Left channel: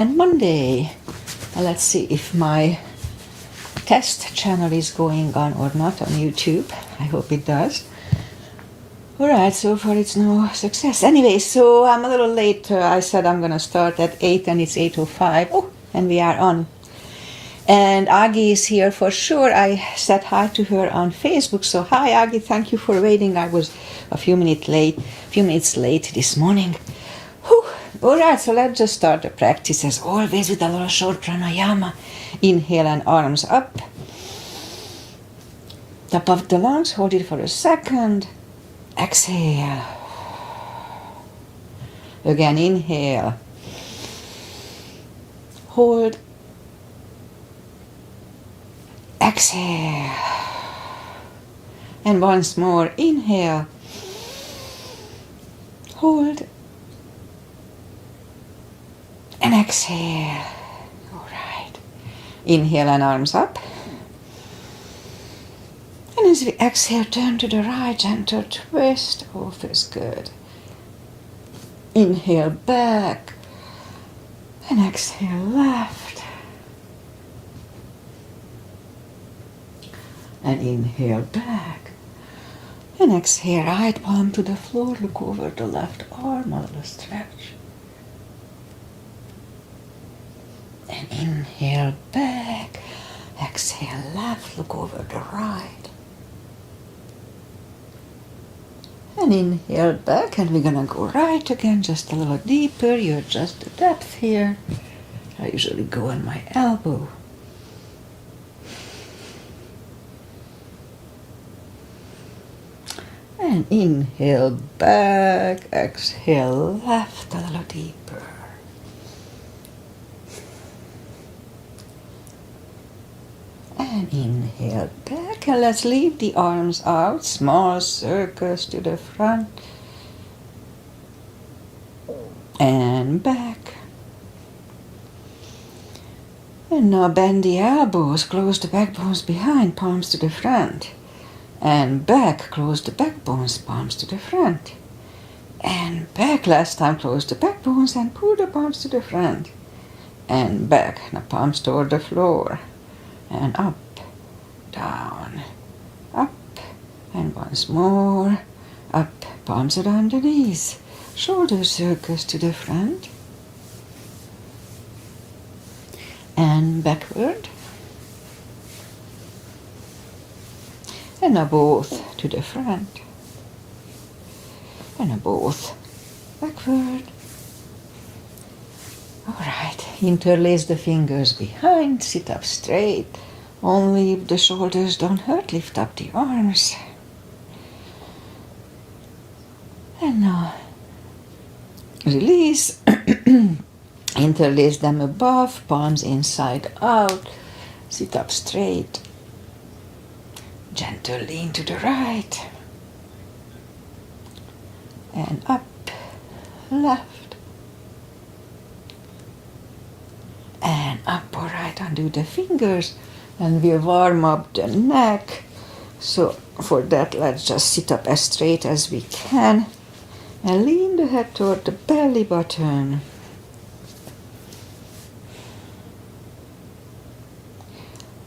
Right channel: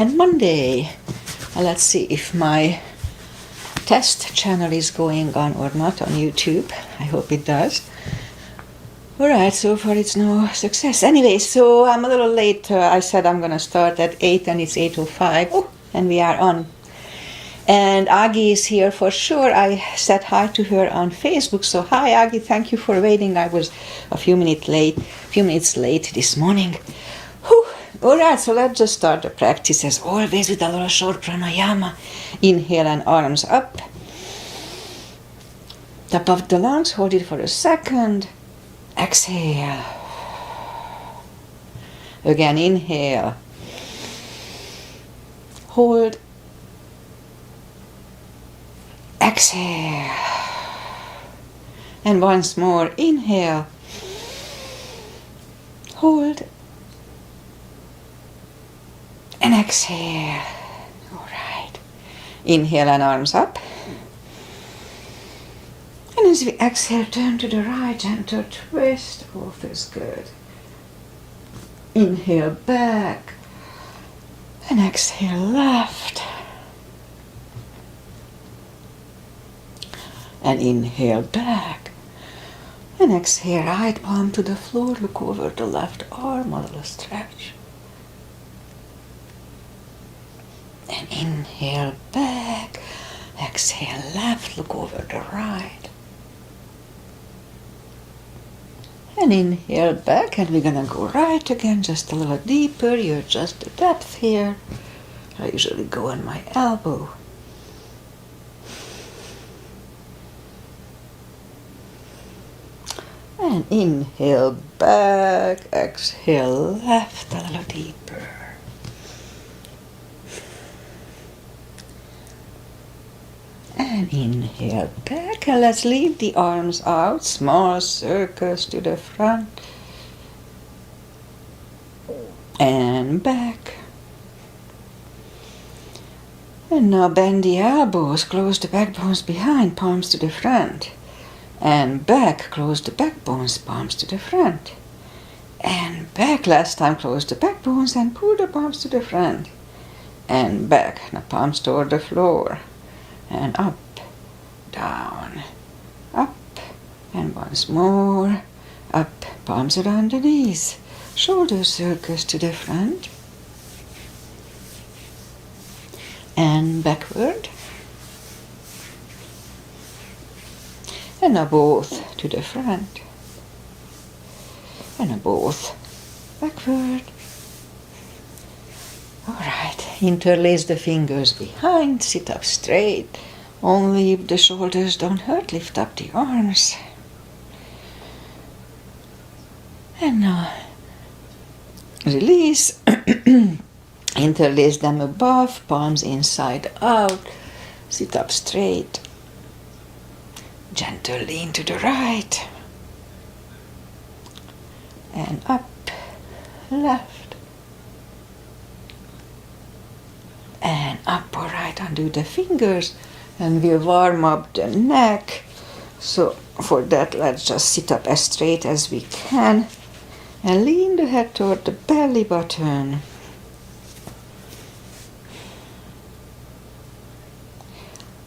And Monday. Let's see if my test channel is going on or not on YouTube. I hope it does. Alright, so far it's no success. Anyway, so I'm a little late. I said I'm gonna start at 8 and it's 8:05. Oh, and we are on. And Agi is here for sure. I said hi to her on Facebook. So hi Agi, thank you for waiting. I was a few minutes late this morning. Whew. Alright, so let's just start the practice as always with a little short pranayama. Inhale and arms up. Top of the lungs, hold it for a second. Exhale. Again, inhale. Hold. Exhale. And once more, inhale. Hold. And exhale. All right. Inhale and arms up. And as we exhale, turn to the right, gentle twist. Oh, feels good. Inhale back. And exhale left. And inhale back. And exhale right palm to the floor. Look over the left arm, a little stretch. And inhale back, exhale left, look over the right. And inhale back, and we're gonna go right again, just a little deeper. You adjust the depth here. I usually go on my elbow. And inhale back, exhale left, a little deeper. And inhale back, and let's leave the arms out, small circles to the front. And back. And now bend the elbows, close the backbones behind, palms to the front. And back, close the backbones, palms to the front. And back, last time close the backbones and pull the palms to the front. And back, now palms toward the floor. And up, down, up, and once more, up, palms around the knees, shoulder circles to the front, and backward, and now both to the front, and now both backward. Alright, interlace the fingers behind, sit up straight. Only if the shoulders don't hurt, lift up the arms. And now release. Interlace them above, palms inside out. Sit up straight. Gentle lean to the right. And up, left. And up, all right, undo the fingers, and we'll warm up the neck. So for that, let's just sit up as straight as we can, and lean the head toward the belly button.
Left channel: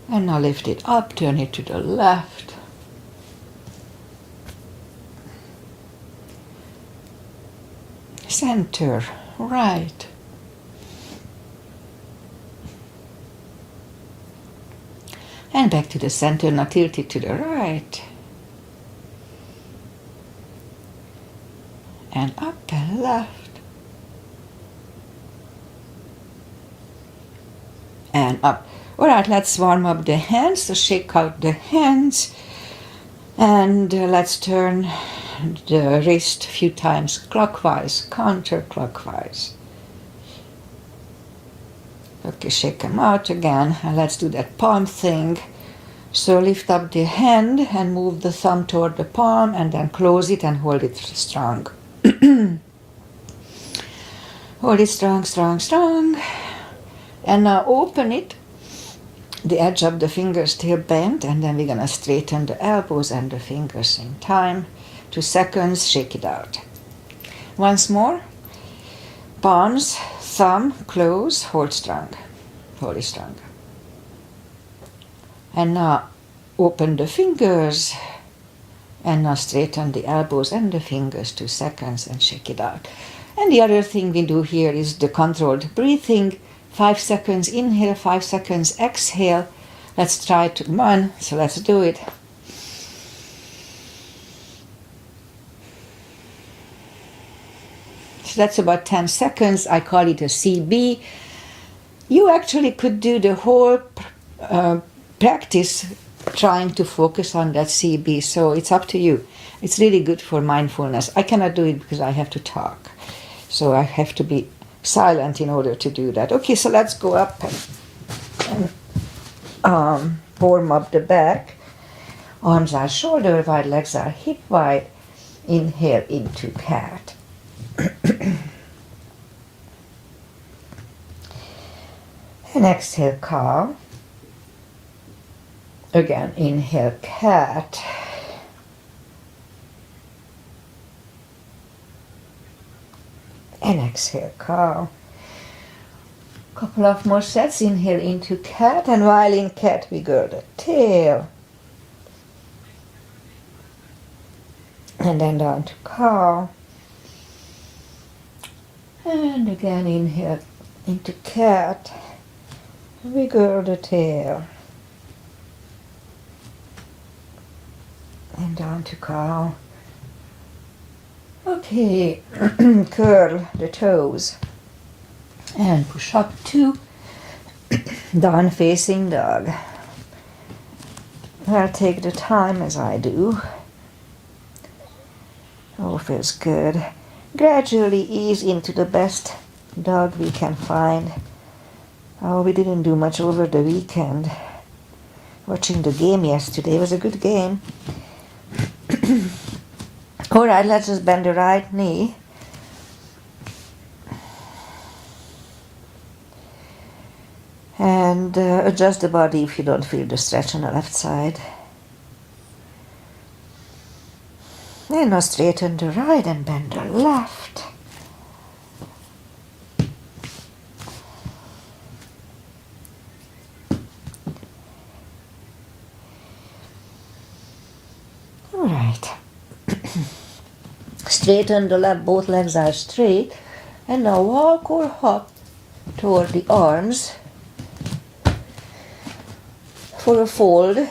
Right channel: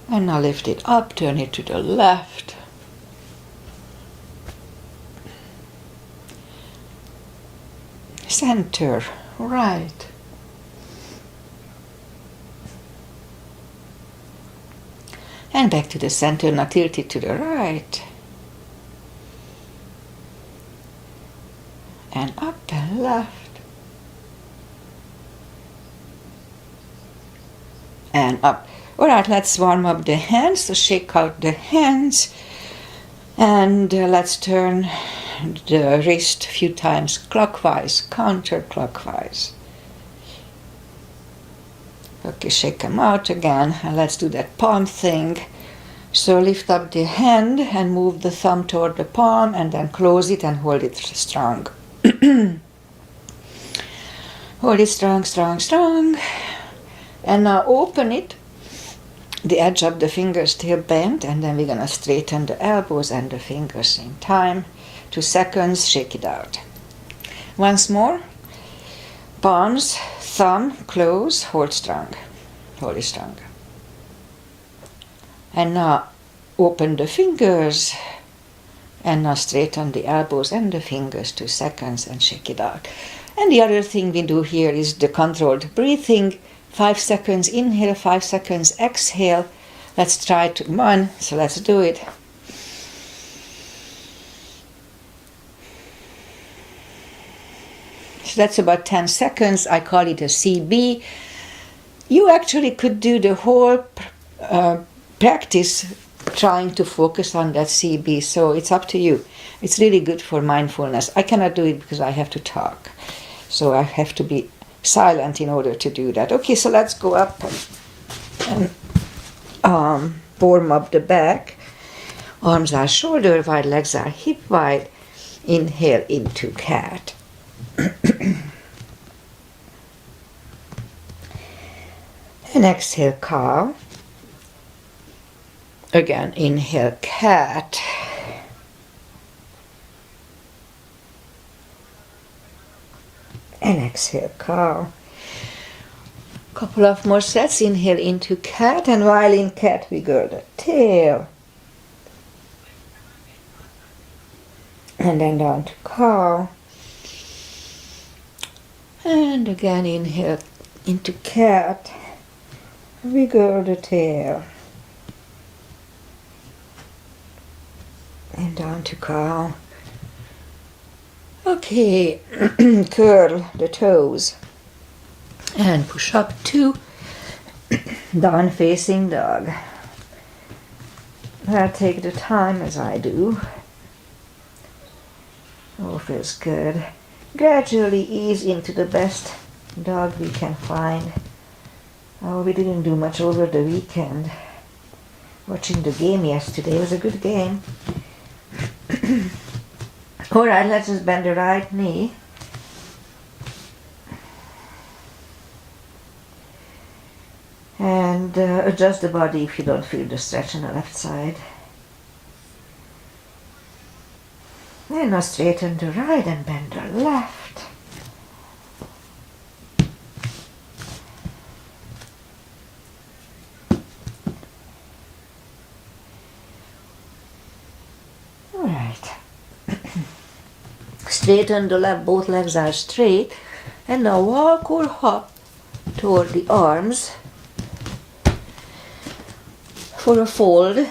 And now lift it up, turn it to the left. Center, right. And back to the center, now tilt it to the right. And up and left. And up. Alright, let's warm up the hands. So shake out the hands. And let's turn the wrist a few times clockwise, counterclockwise. Okay, shake them out again, and let's do that palm thing. So lift up the hand and move the thumb toward the palm, and then close it and hold it strong. Hold it strong, strong, strong. And now open it. The edge of the fingers still bent, and then we're gonna straighten the elbows and the fingers same time. 2 seconds, shake it out. Once more. Palms thumb close, hold strong, hold it strong. And now open the fingers, and now straighten the elbows and the fingers 2 seconds and shake it out. And the other thing we do here is the controlled breathing. 5 seconds inhale, 5 seconds exhale. Let's try to 1, so let's do it. So that's about 10 seconds. I call it a CB. You actually could do the whole practice trying to focus on that CB, so it's up to you. It's really good for mindfulness. I cannot do it because I have to talk, so I have to be silent in order to do that. Okay, so let's go up and warm up the back. Arms are shoulder wide, legs are hip wide. Inhale into cat. And exhale, cow. Again, inhale, cat. And exhale, cow. Couple of more sets. Inhale into cat, and while in cat, wiggle the tail. And then down to cow. And again, inhale into cat. Wiggle the tail. And down to cow. Okay, curl the toes. And push up 2. Down facing dog. I'll take the time as I do. Oh, feels good. Gradually ease into the best dog we can find. Oh, we didn't do much over the weekend. Watching the game yesterday was a good game. All right, let's just bend the right knee. And adjust the body if you don't feel the stretch on the left side. And now straighten the right and bend the left. All right. Straighten the left, both legs are straight. And now walk or hop toward the arms for a fold.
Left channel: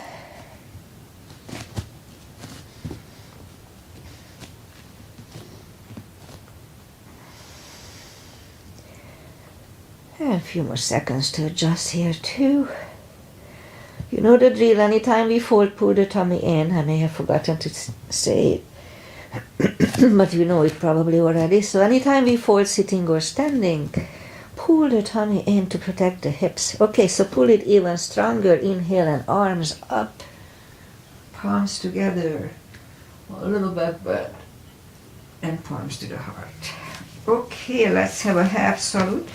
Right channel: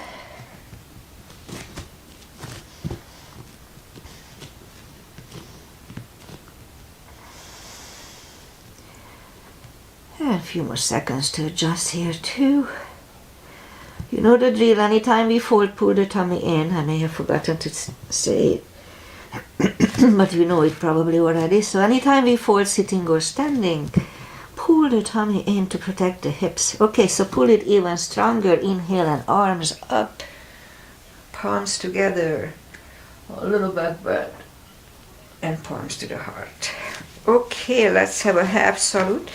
And a few more seconds to adjust here too. You know the drill. Anytime we fold, pull the tummy in. I may have forgotten to say it, but you know it probably already. So anytime we fold sitting or standing, pull the tummy in to protect the hips. Okay, so pull it even stronger. Inhale and arms up. Palms together. A little back bend. And palms to the heart. Okay, let's have a half salute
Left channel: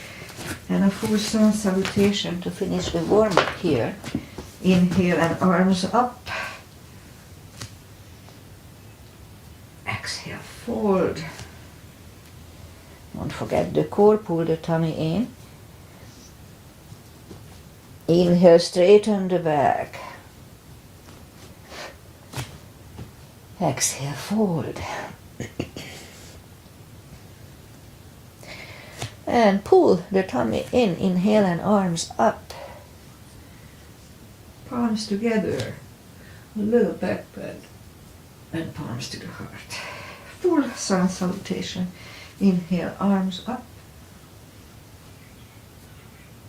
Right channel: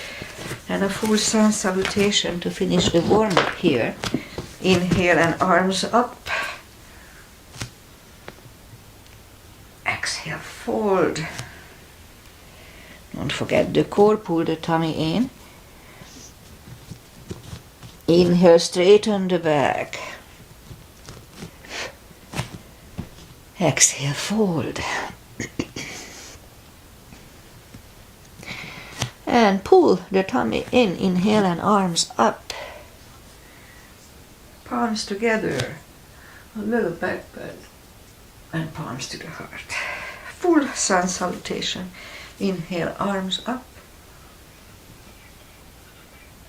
and a full sun salutation to finish the warm-up here. Inhale and arms up. Exhale, fold. Don't forget the core, pull the tummy in. Inhale, straighten the back. Exhale, fold. And pull the tummy in. Inhale and arms up. Palms together. A little back bend. And palms to the heart. Full sun salutation. Inhale, arms up.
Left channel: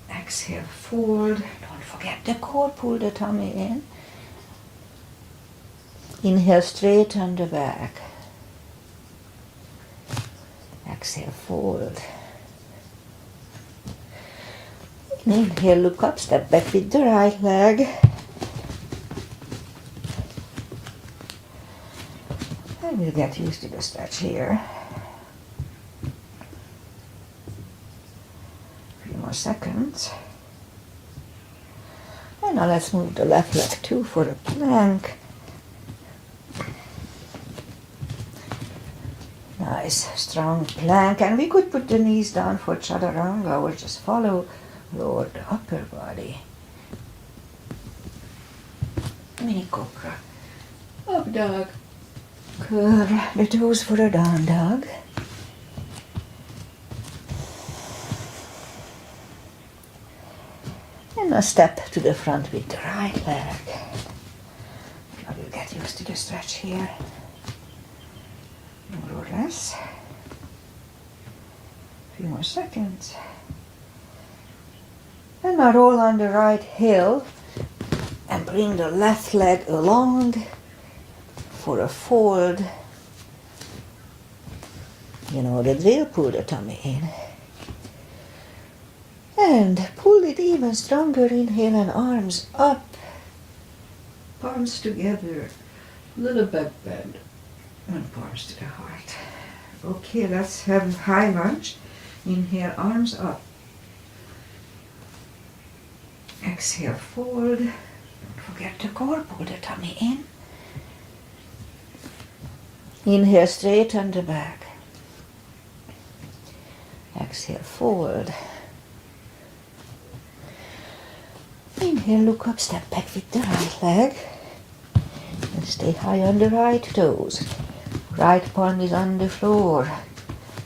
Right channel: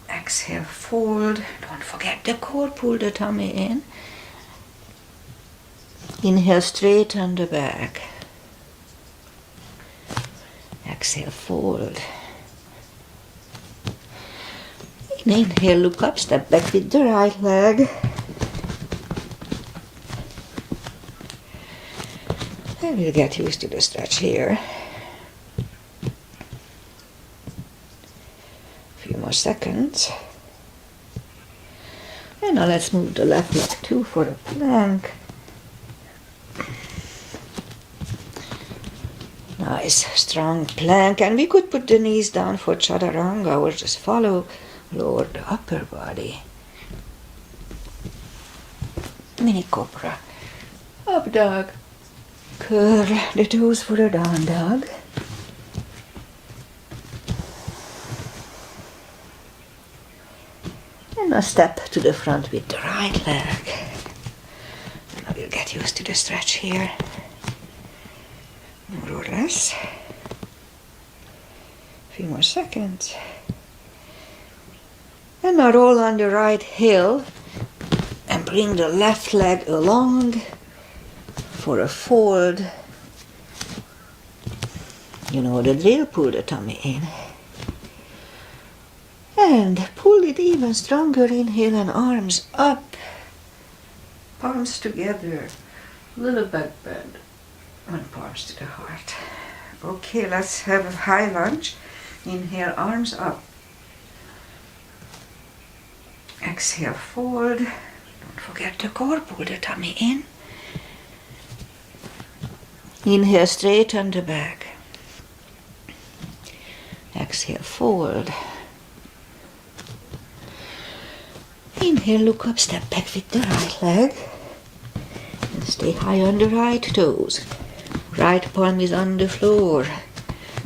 Exhale, fold. Don't forget the core, pull the tummy in. Inhale, straighten the back. Exhale, fold. Inhale, look up, step back with the right leg. And we'll get used to the stretch here. A few more seconds. And now let's move the left leg too for the plank. Now Nice strong plank, and we could put the knees down for chaturanga or just follow lower the upper body. Mini cobra. Up dog. Curl the toes for a down dog. And a step to the front with the right leg. Now we'll get used to the stretch here. More or less. A few more seconds. And now roll on the right heel and bring the left leg along for a fold. You know the drill, pull the tummy in. And pull it even stronger, inhale and arms up. Palms together, little back bend, and palms to the heart. Okay, let's have a high lunge. Inhale, arms up. Exhale, fold. Don't forget the core, pull the tummy in. Inhale, straighten the back. Exhale, fold. Inhale, look up, step back with the right leg. And stay high on the right toes. Right palm is on the floor.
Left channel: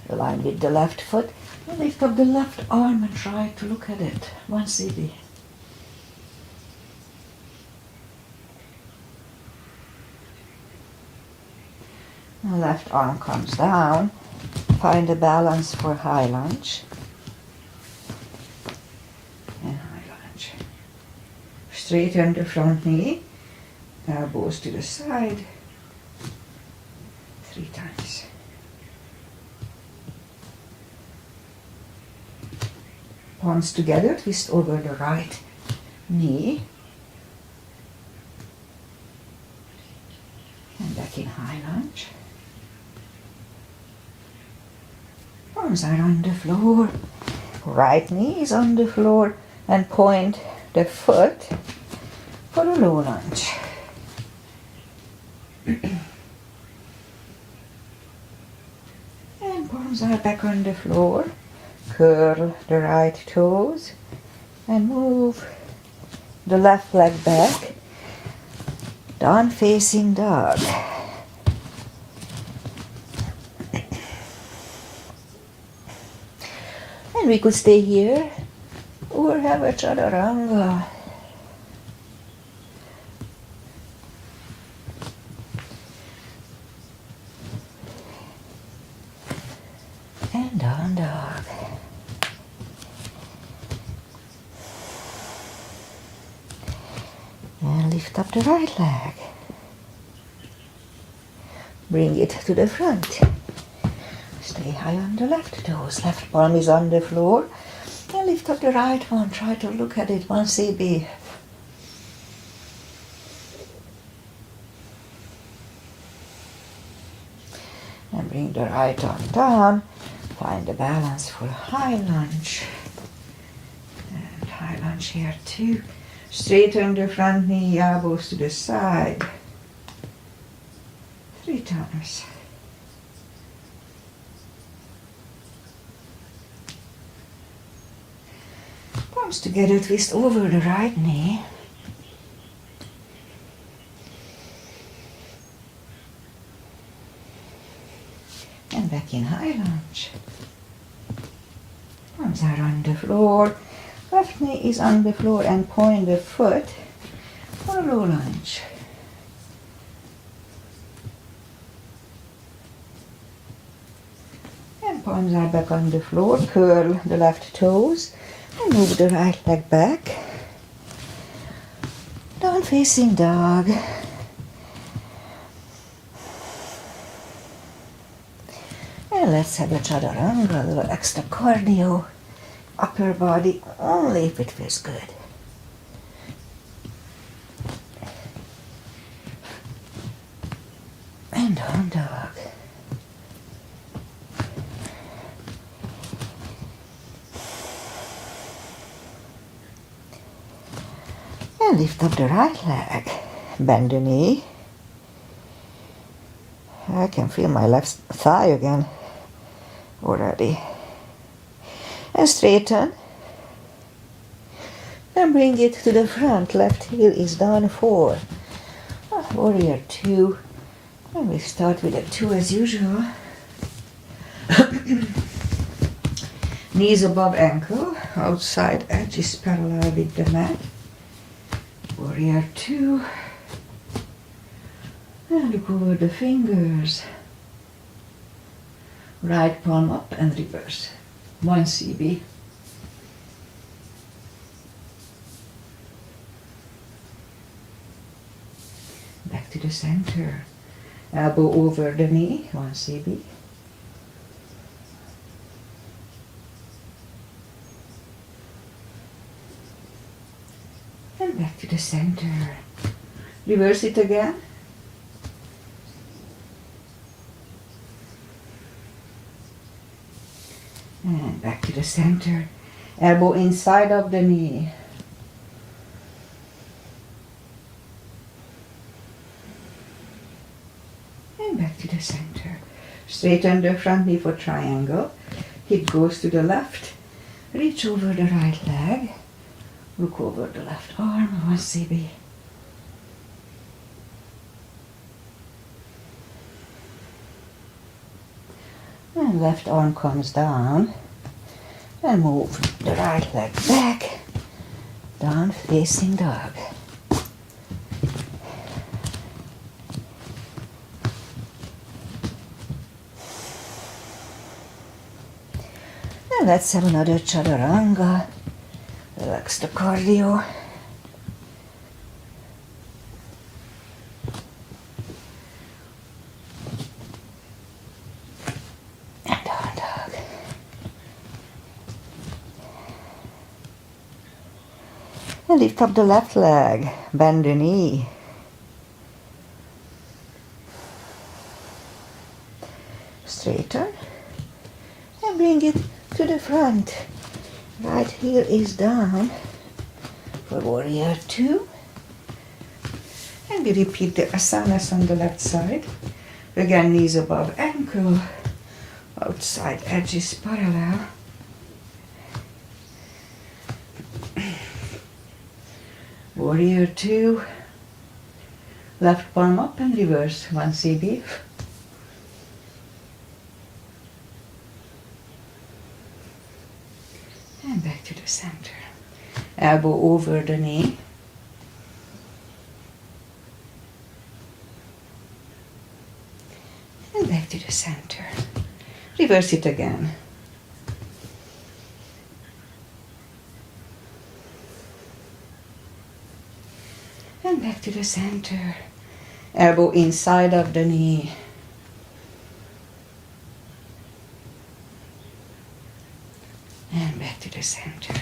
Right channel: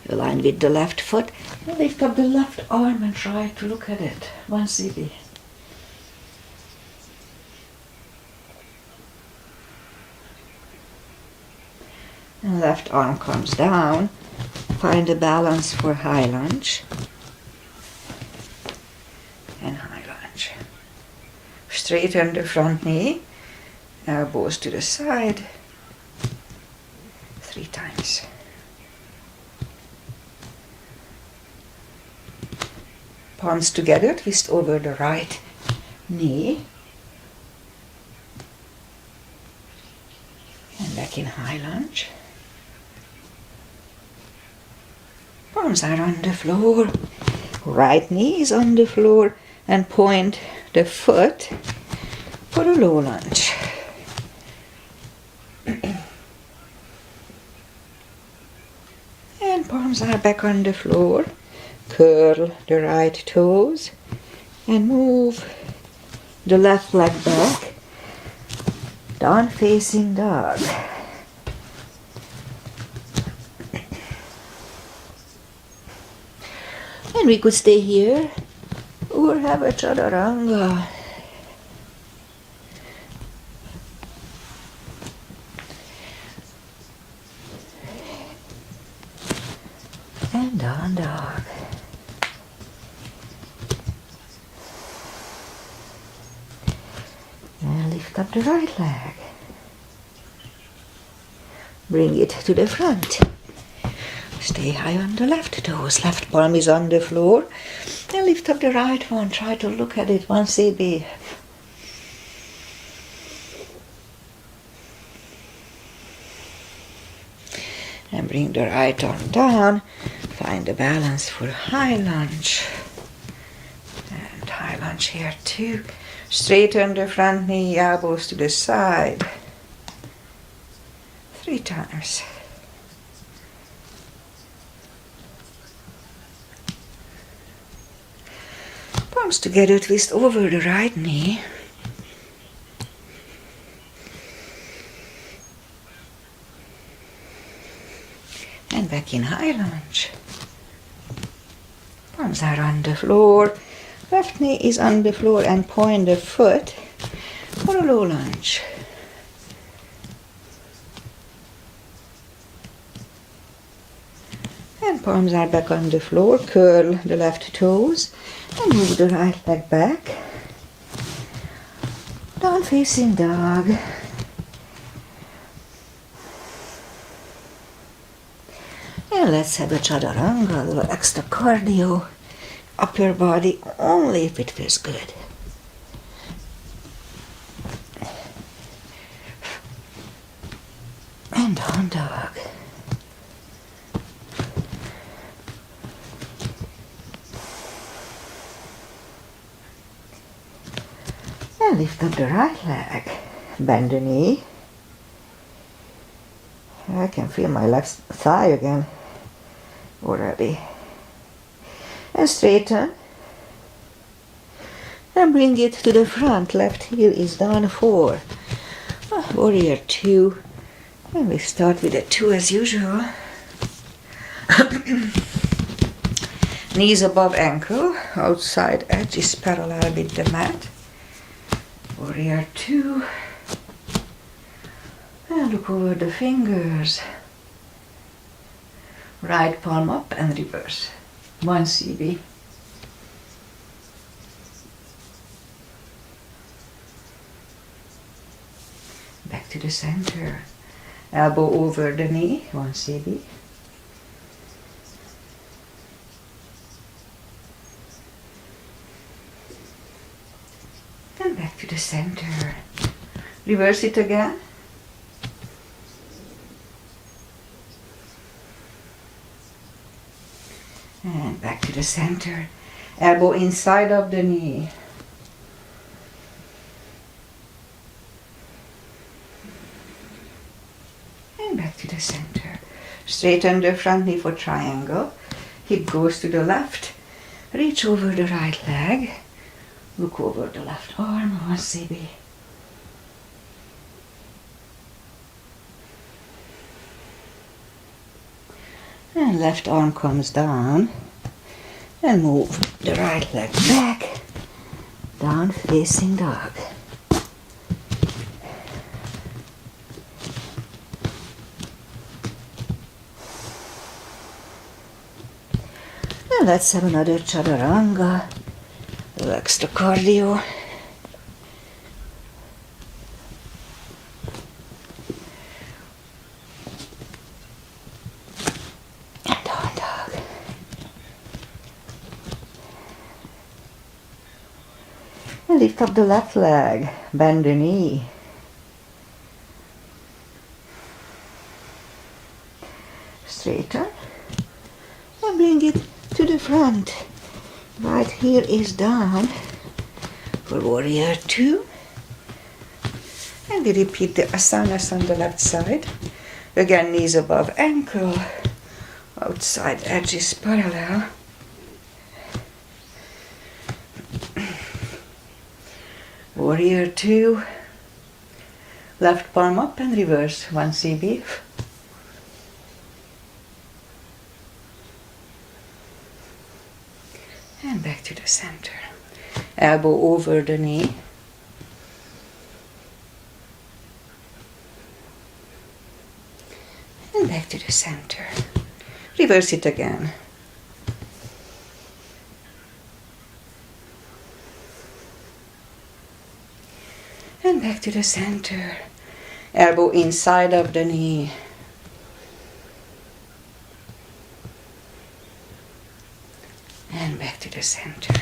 Align with the left foot. And lift up the left arm and try to look at it. One CD. And left arm comes down. Find a balance for high lunge. And high lunge. Straighten the front knee. Elbows to the side. 3 times. Palms together, twist over the right knee. And back in high lunge. Palms are on the floor. Right knee is on the floor. And point the foot for a low lunge. And palms are back on the floor. Curl the right toes and move the left leg back. Down facing dog. And we could stay here or have a chaturanga. And down dog. And lift up the right leg. Bring it to the front. Stay high on the left toes. Left palm is on the floor. And lift up the right one. Try to look at it. 1 CB. And bring the right arm down. Find the balance for high lunge. And high lunge here too. Straighten the front knee, elbows to the side. 3 times. Palms together, twist over the right knee. And back in high lunge. Palms are on the floor. Left knee is on the floor and point the foot for a low lunge. And palms are back on the floor. Curl the left toes and move the right leg back. Down facing dog. And let's have a chaturanga, a little extra cardio. Upper body only if it feels good. And down dog. And lift up the right leg. Bend the knee. I can feel my left thigh again already. And straighten. And bring it to the front. Left heel is down 4. Warrior 2. And we start with a 2 as usual. Knees above ankle. Outside edge is parallel with the mat. Warrior 2. And look over the fingers. Right palm up and reverse. 1 CB. Back to the center. Elbow over the knee. 1 CB. And back to the center. Reverse it again. And back to the center. Elbow inside of the knee. And back to the center. Straighten the front knee for triangle. Hip goes to the left. Reach over the right leg. Look over the left arm. 1 CB. And left arm comes down. And move the right leg back. Down facing dog. And let's have another chaturanga. Relax the cardio. And down dog. And lift up the left leg. Bend the knee. Straighten. And bring it to the front. Right heel is down for warrior 2. And we repeat the asanas on the left side. Again, knees above ankle. Outside edge is parallel. Warrior 2. Left palm up and reverse. 1 CB. And back to the center. Elbow over the knee. And back to the center. Reverse it again. And back to the center. Elbow inside of the knee. And back to the center.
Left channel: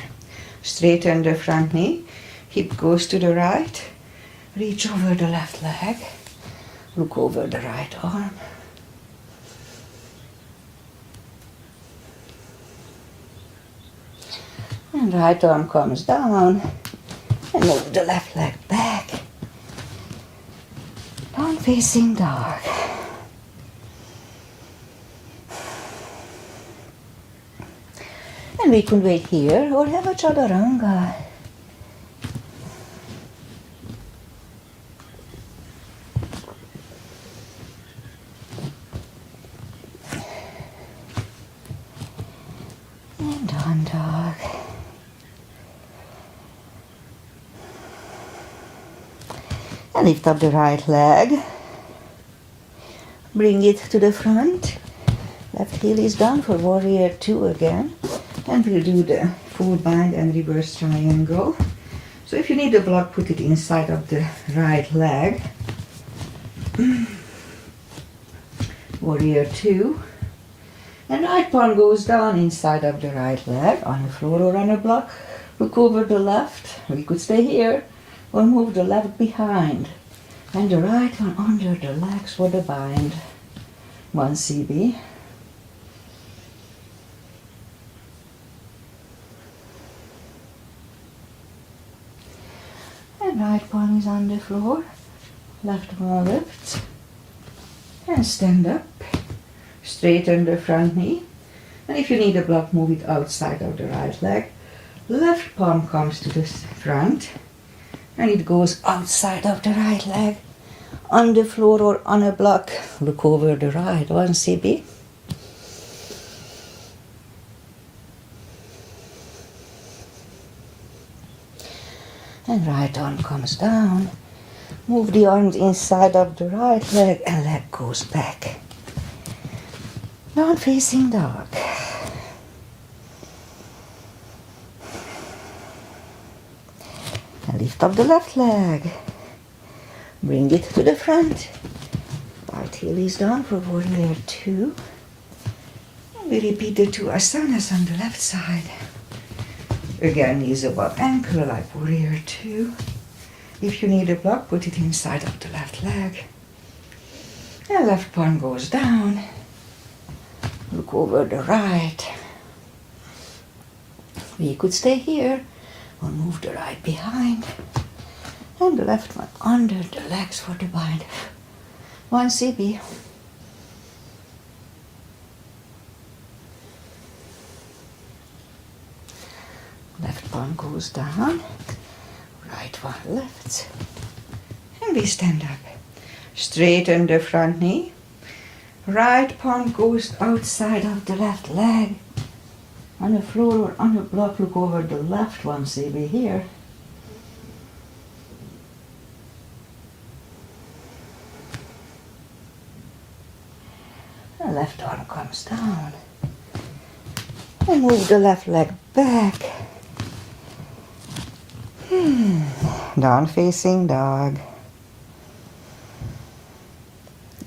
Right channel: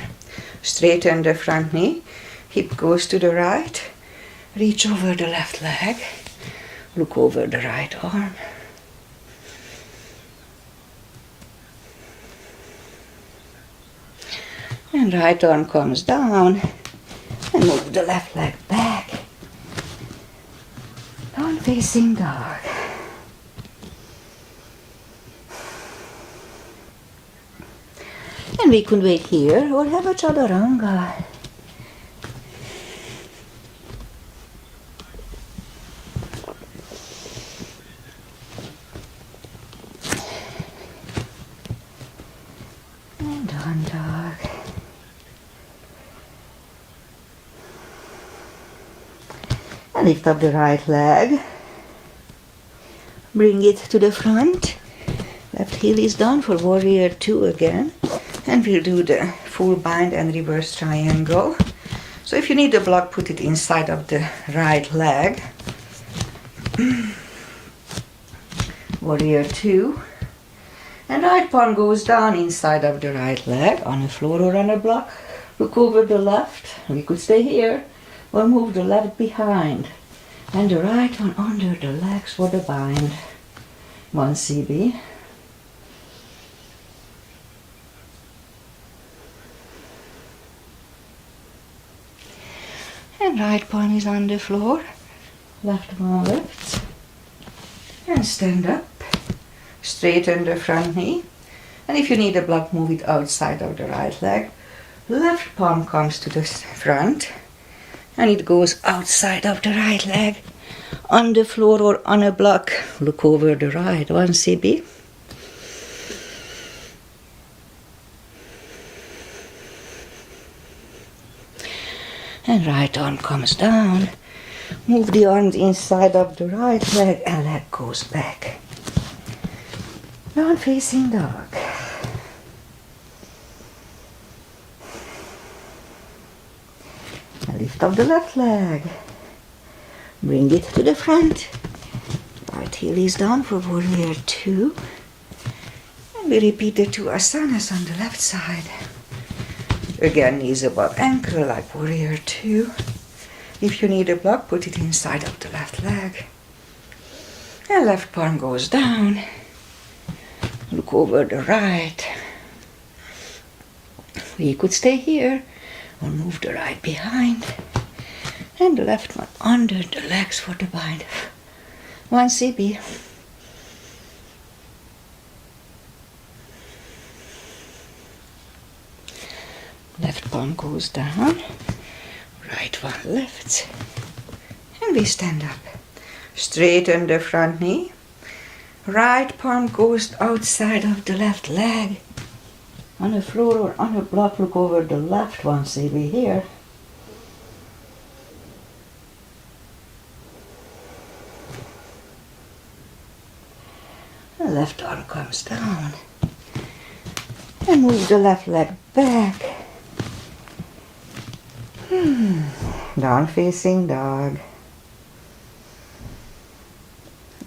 Straighten the front knee. Hip goes to the right. Reach over the left leg. Look over the right arm. And right arm comes down. And move the left leg back. Down facing dog. And we could wait here or have a chaturanga. And down dog. And lift up the right leg. Bring it to the front. Left heel is down for warrior 2 again. And we'll do the full bind and reverse triangle. So if you need a block, put it inside of the right leg. Warrior 2. And right palm goes down inside of the right leg on the floor or on a block. Look over the left. We could stay here or move the left behind. And the right one under the legs for the bind. 1 CB. And right palm is on the floor. Left one lifts. And stand up. Straighten the front knee. And if you need a block, move it outside of the right leg. Left palm comes to the front. And it goes outside of the right leg. On the floor or on a block. Look over the right one, CB. And right arm comes down. Move the arms inside of the right leg and leg goes back. Down facing dog. And lift up the left leg. Bring it to the front. Right heel is down for warrior 2. And we repeat the 2 asanas on the left side. Again, knees above ankle like warrior 2. If you need a block, put it inside of the left leg. And left palm goes down. Look over the right. We could stay here or move the right behind. And the left one under the legs for the bind. 1 CB. Left palm goes down. Right one lifts. And we stand up. Straighten the front knee. Right palm goes outside of the left leg. On the floor or on a block, look over the left one, CB here. The left arm comes down. And move the left leg back. Down facing dog.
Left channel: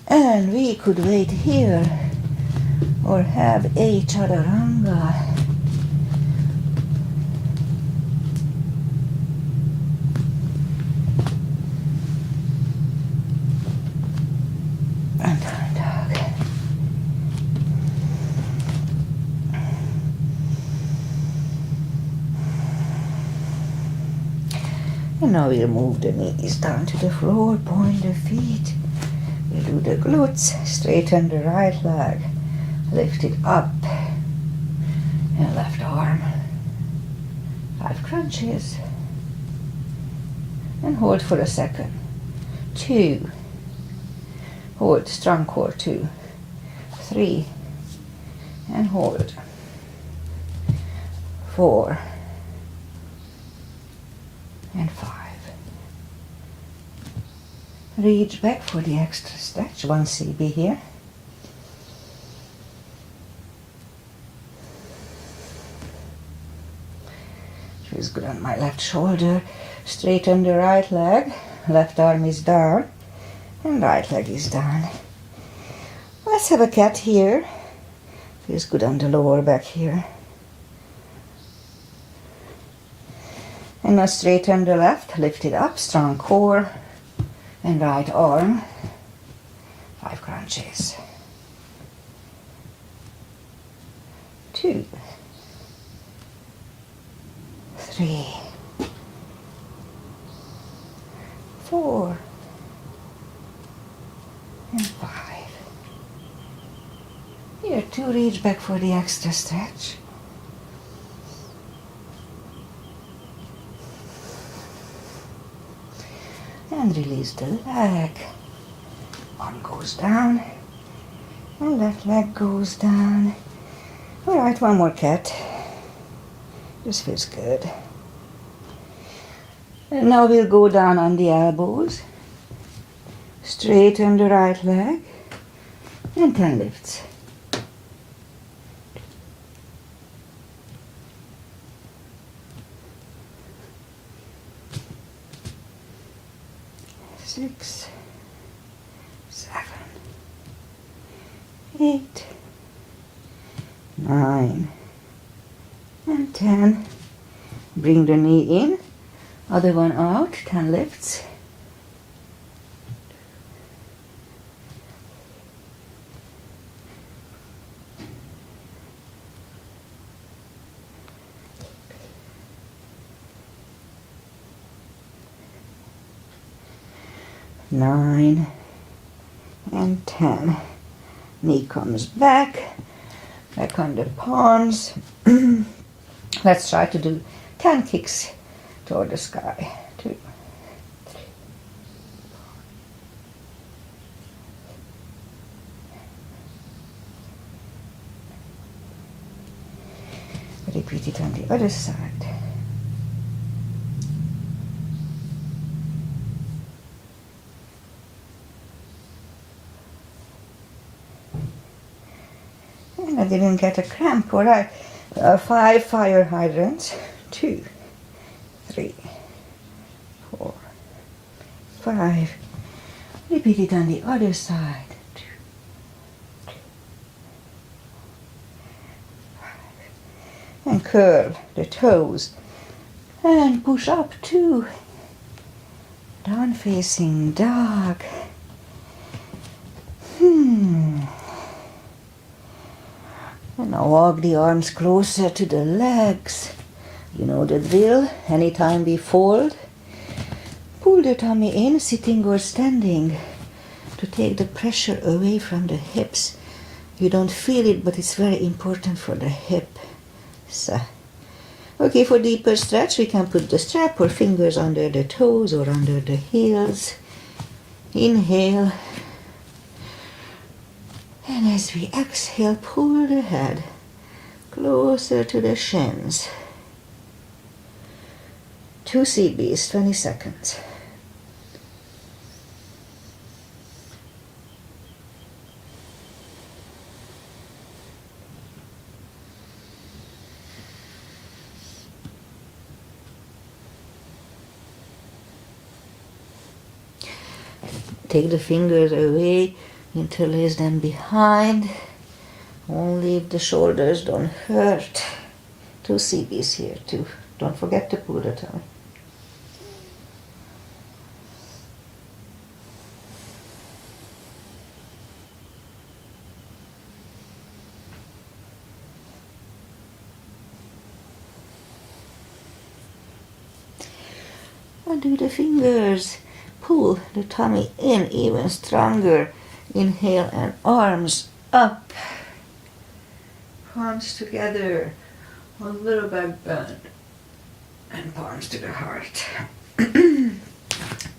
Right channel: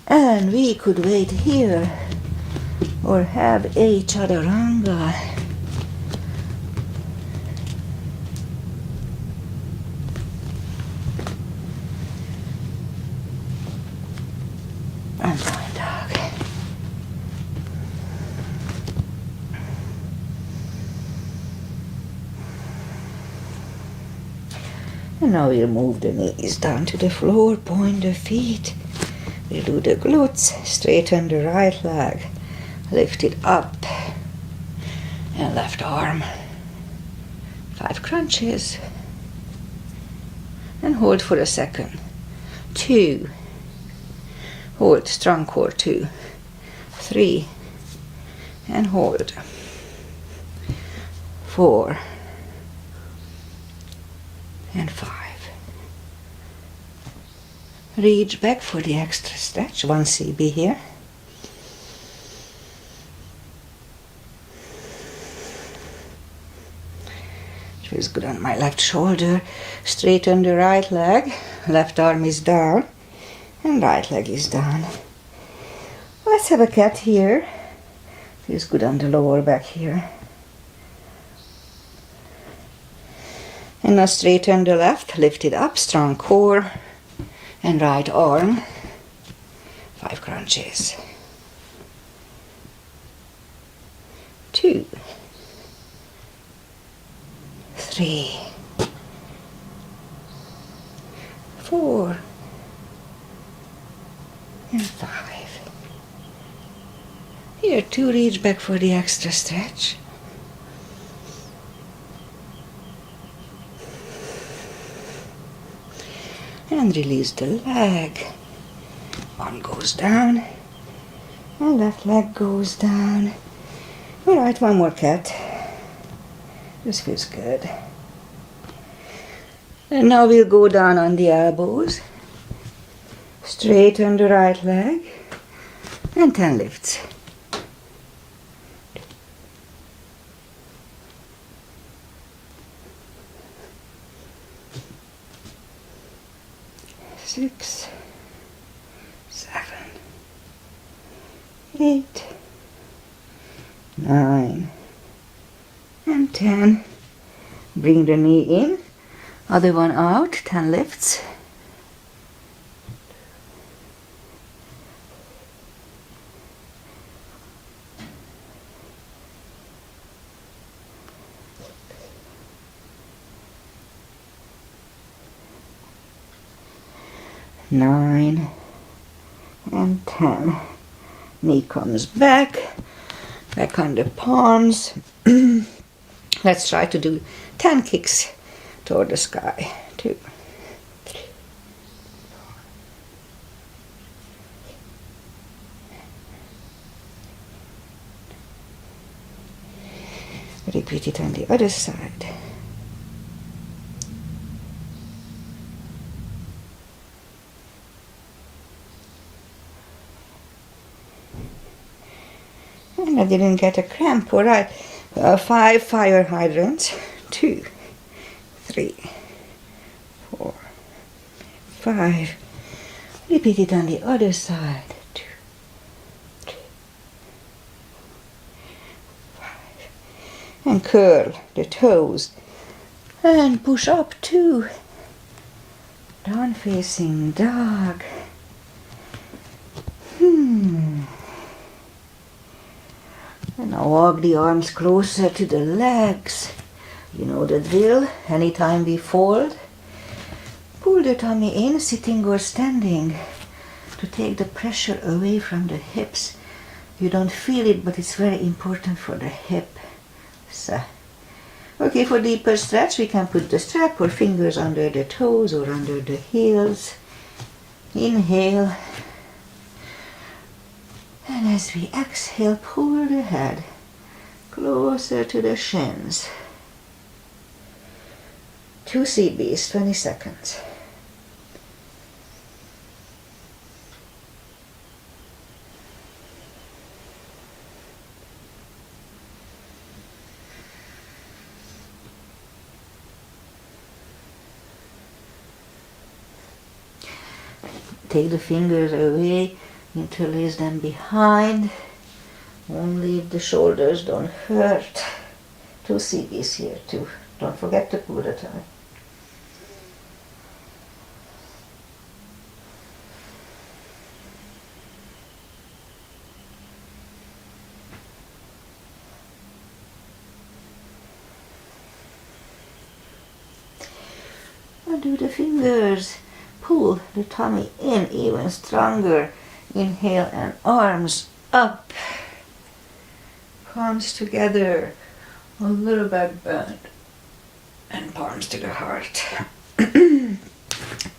And we could wait here or have a chaturanga. And down dog. And now we'll move the knees down to the floor, point the feet. We'll do the glutes, straighten the right leg, lift it up, and left arm. 5 crunches. And hold for a second. 2. Hold, strong core, 2. 3. And hold. 4. And 5. Reach back for the extra stretch. 1 CB here. Feels good on my left shoulder. Straighten the right leg. Left arm is down. And right leg is down. Let's have a cat here. Feels good on the lower back here. And now straighten the left, lift it up, strong core, and right arm, 5 crunches. 2, 3, 4, and 5. Here, 2, reach back for the extra stretch. And release the leg. One goes down. And left leg goes down. Alright, one more cat. This feels good. And now we'll go down on the elbows. Straighten the right leg. And 10 lifts. Six, 7, 8, 9, and 10. Bring the knee in, other one out, 10 lifts. Nine and 10. Knee comes back on the palms. Let's try to do 10 kicks toward the sky. 2, 3, 4. Repeat it on the other side. And I didn't get a cramp. All right. 5 fire hydrants. 2, 3, 4, 5. Repeat it on the other side. 2, 3, 5. And curl the toes. And push up 2. Down facing dog. And now walk the arms closer to the legs. You know the drill. Anytime we fold, pull the tummy in, sitting or standing, to take the pressure away from the hips. You don't feel it, but it's very important for the hip. So, okay, for deeper stretch, we can put the strap or fingers under the toes or under the heels. Inhale. And as we exhale, pull the head closer to the shins. 2 CBs, 20 seconds. Take the fingers away. Interlace them behind. Only if the shoulders don't hurt. 2 CBs here too. Don't forget to pull the tummy. Undo the fingers. Pull the tummy in even stronger. Inhale and arms up. Palms together. A little back bend. And palms to the heart.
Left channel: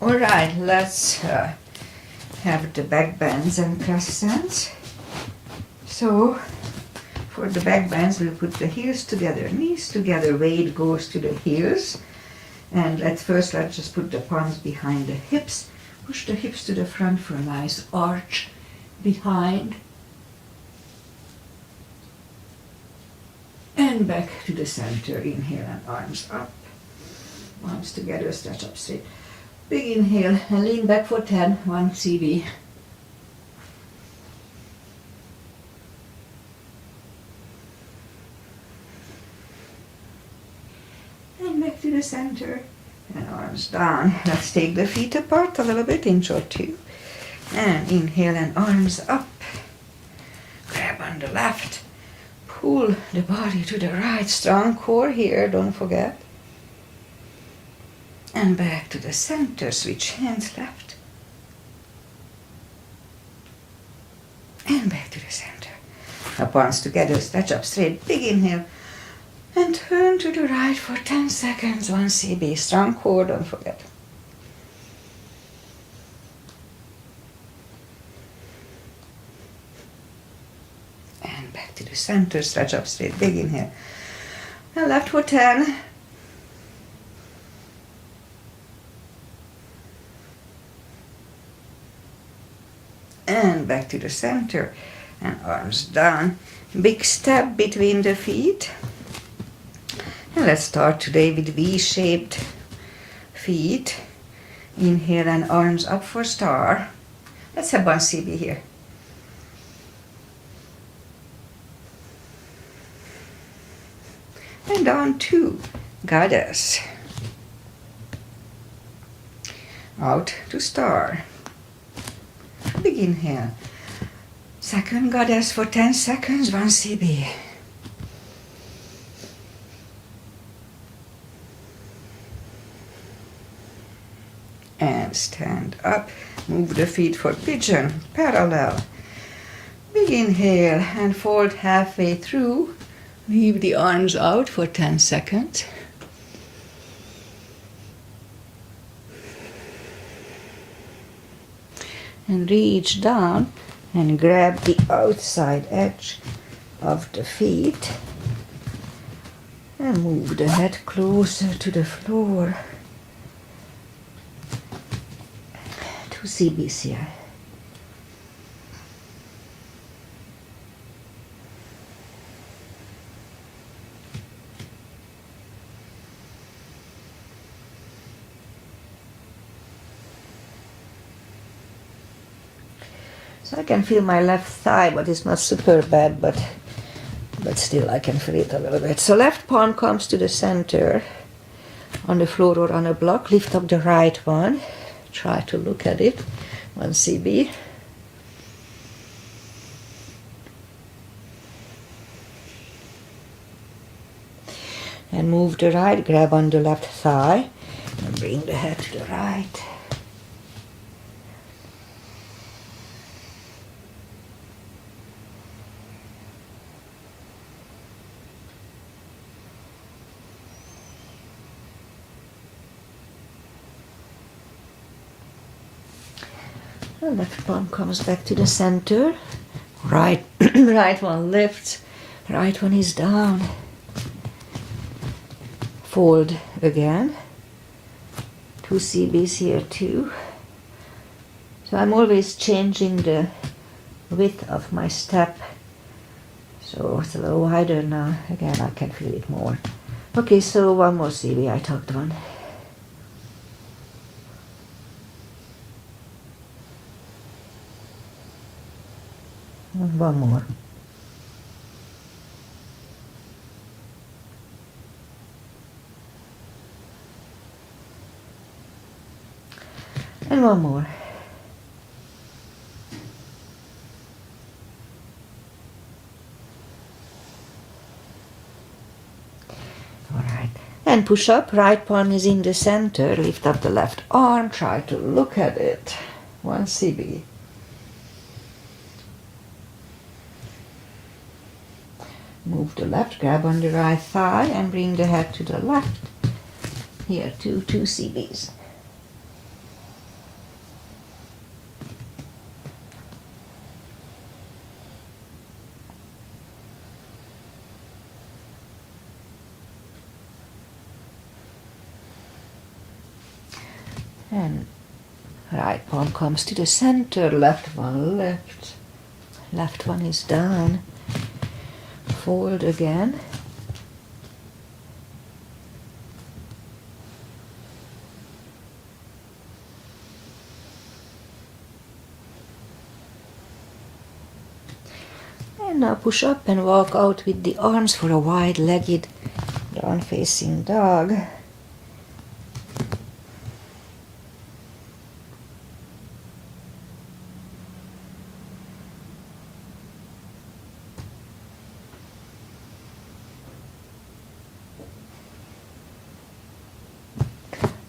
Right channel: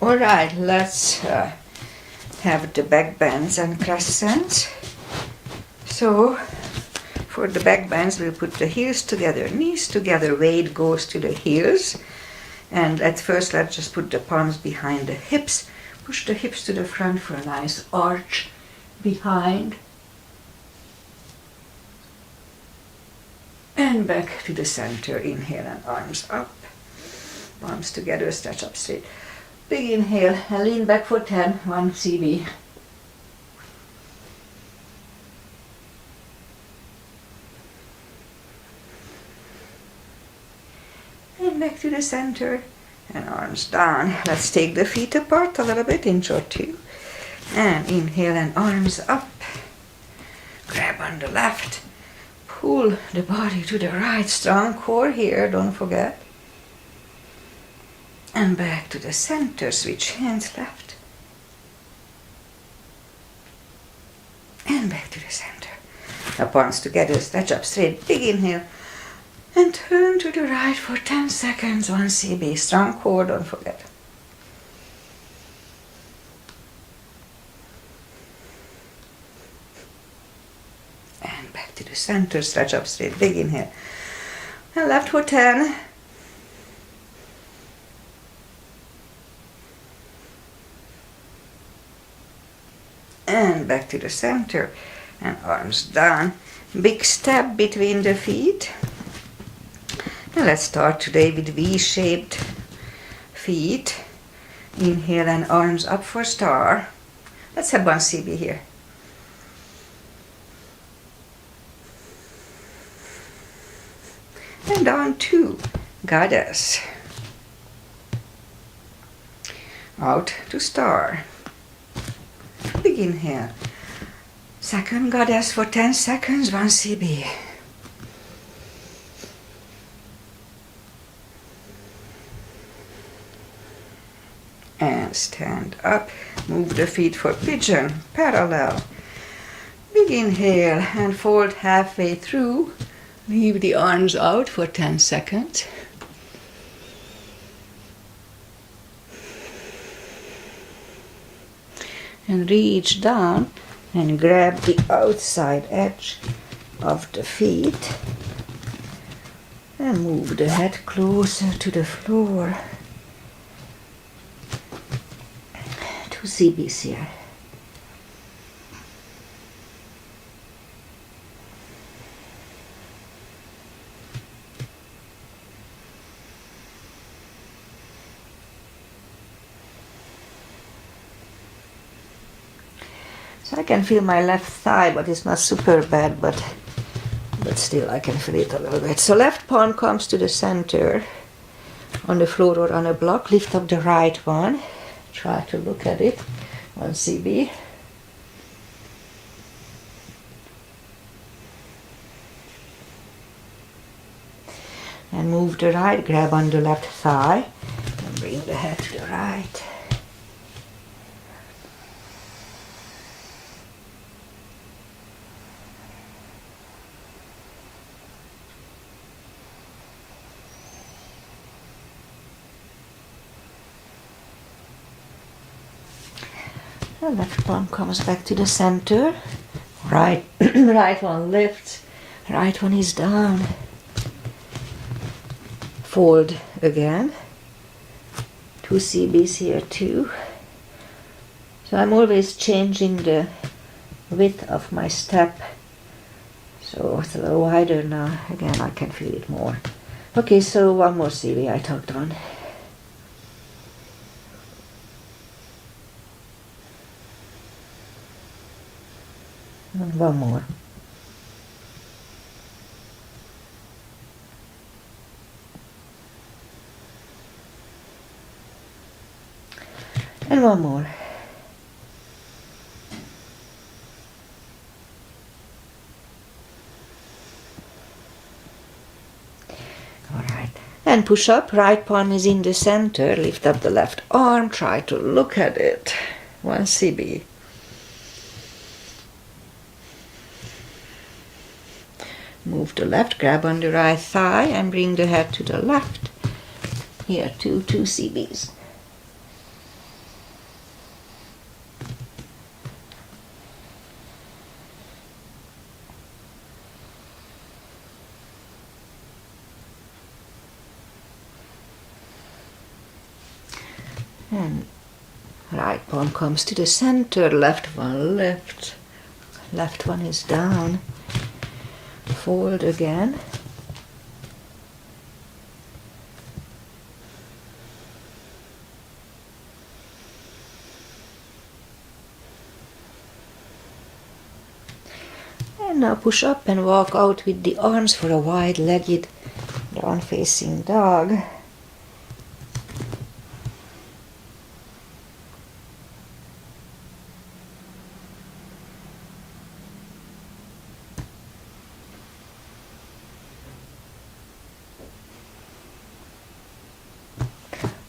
All right, let's have the back bends and crescents. So, for the back bends, we'll put the heels together, knees together, weight goes to the heels. And at first, let's just put the palms behind the hips. Push the hips to the front for a nice arch behind. And back to the center. Inhale and arms up. Arms together, stretch up straight. Big inhale and lean back for 10. 1 CB. And back to the center. And arms down. Let's take the feet apart a little bit, inch or 2. And inhale and arms up. Grab on the left. Pull the body to the right. Strong core here, don't forget. And back to the center. Switch hands left. And back to the center. Now palms together, stretch up straight. Big inhale. And turn to the right for 10 seconds. 1 CB. Strong core, don't forget. And back to the center. Stretch up straight. Big inhale. And left for 10. And back to the center. And arms down. Big step between the feet. And let's start today with V-shaped feet. Inhale and arms up for star. Let's have 1 CB here. And on 2, goddess. Out to star. Big inhale. Second goddess for 10 seconds, 1 CB. and stand up. Move the feet for pigeon, parallel. Big inhale and fold halfway through. Leave the arms out for 10 seconds. And reach down and grab the outside edge of the feet and move the head closer to the floor. 2 CBs here. So I can feel my left thigh, but it's not super bad, but still I can feel it a little bit. So left palm comes to the center on the floor or on a block. Lift up the right one. Try to look at it. 1 CB. And move the right, grab on the left thigh and bring the head to the right. The left palm comes back to the center. Right, right one lifts, right one is down. Fold again. 2 CBs here too. So I'm always changing the width of my step. So it's a little wider now. Again, I can feel it more. Okay, so 1 more CB, I talked on. And 1 more. And 1 more. All right. And push up. Right palm is in the center. Lift up the left arm. Try to look at it. 1 CB. Move the left, grab on the right thigh and bring the head to the left. Here, 2 CBs. And right palm comes to the center, left one left. Left one is down. Fold again. And now push up and walk out with the arms for a wide-legged down-facing dog.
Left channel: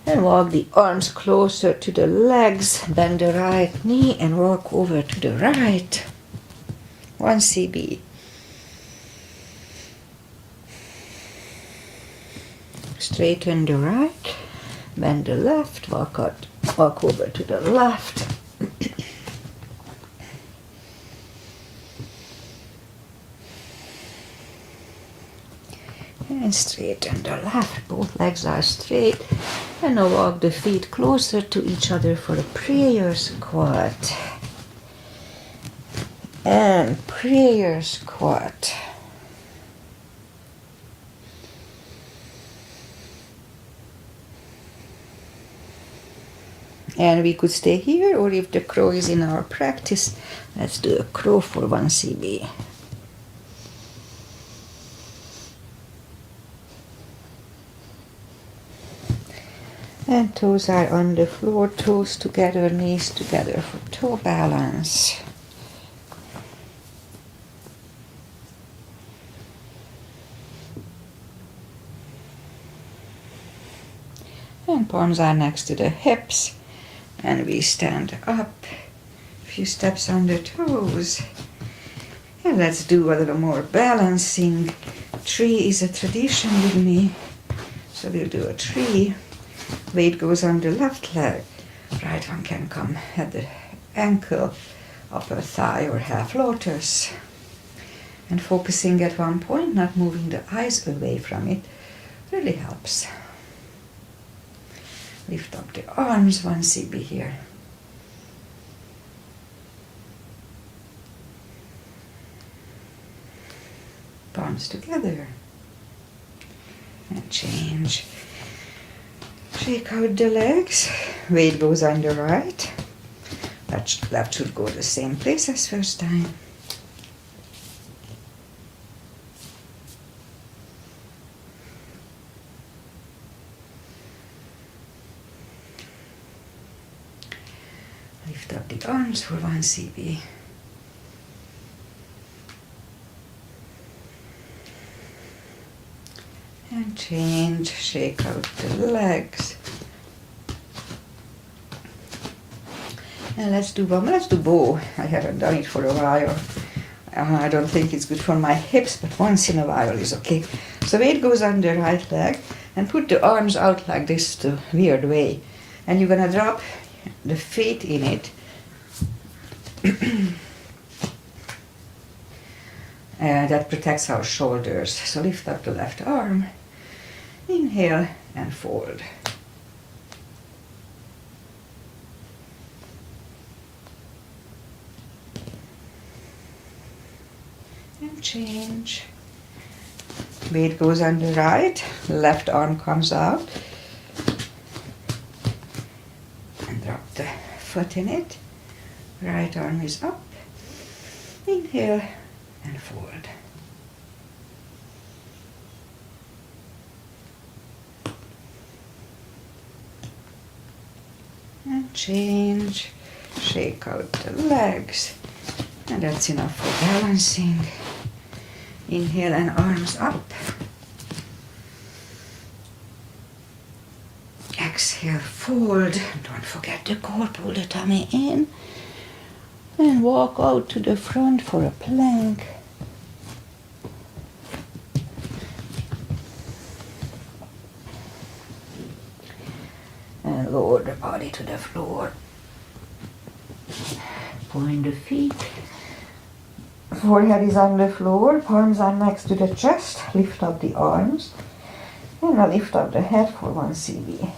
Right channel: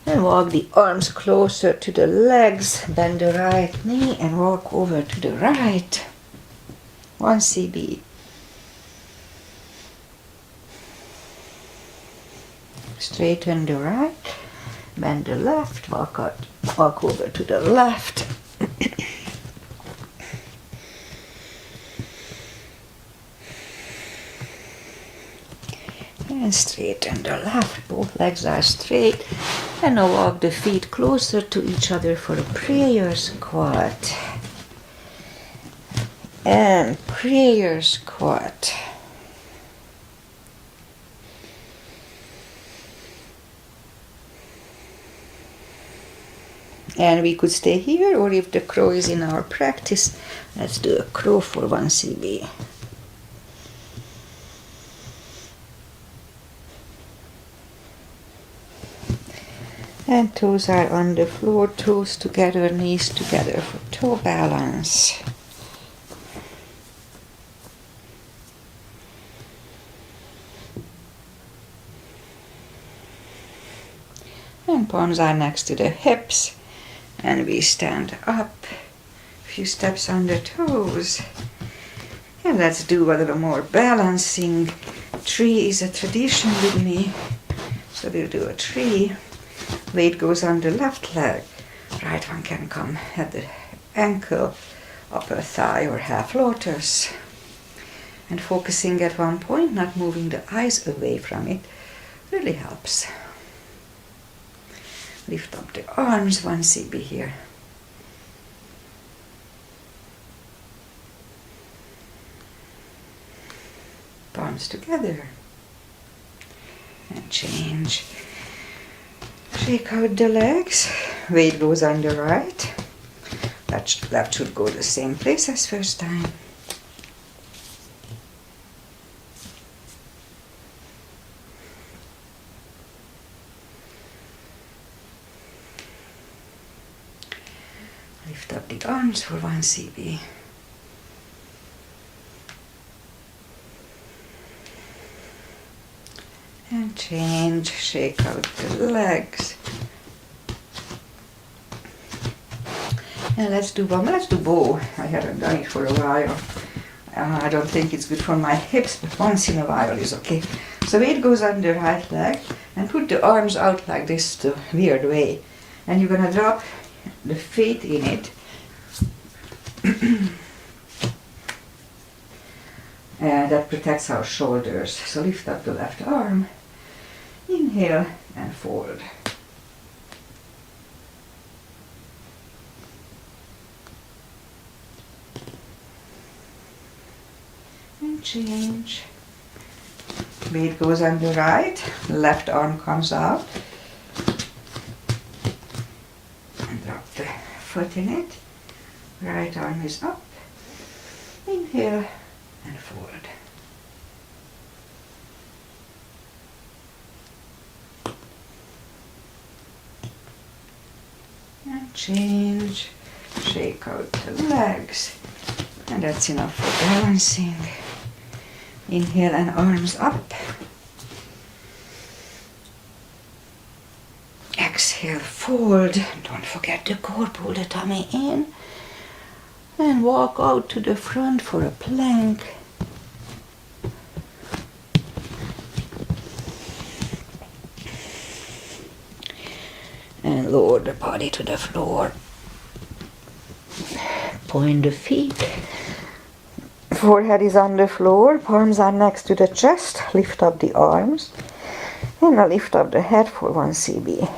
And walk the arms closer to the legs, bend the right knee and walk over to the right. 1 CB. Straighten the right, bend the left, walk over to the left. And straighten the left, both legs are straight. And now walk the feet closer to each other for a prayer squat. And prayer squat. And we could stay here, or if the crow is in our practice, let's do a crow for 1 CB. And toes are on the floor, toes together, knees together for toe balance. And palms are next to the hips. And we stand up, a few steps on the toes. And let's do a little more balancing. Tree is a tradition with me. So we'll do a tree. Weight goes on the left leg. Right one can come at the ankle, upper thigh or half lotus. And focusing at one point, not moving the eyes away from it, really helps. Lift up the arms, 1 CB here. Palms together. And change. Shake out the legs. Weight goes on the right. That should go the same place as first time. Lift up the arms for 1 CB. And change, shake out the legs. And let's do bow. I haven't done it for a while. I don't think it's good for my hips, but once in a while is okay. So weight goes on the right leg and put the arms out like this, the weird way. And you're gonna drop the feet in it. And that protects our shoulders. So lift up the left arm. Inhale and fold. And change. Weight goes on the right. Left arm comes out. And drop the foot in it. Right arm is up. Inhale and fold. And change. Shake out the legs. And that's enough for balancing. Inhale and arms up. Exhale, fold. Don't forget the core, pull the tummy in. And walk out to the front for a plank. And lower the body to the floor. Point the feet. Forehead is on the floor, palms are next to the chest. Lift up the arms. And now lift up the head for 1 CB.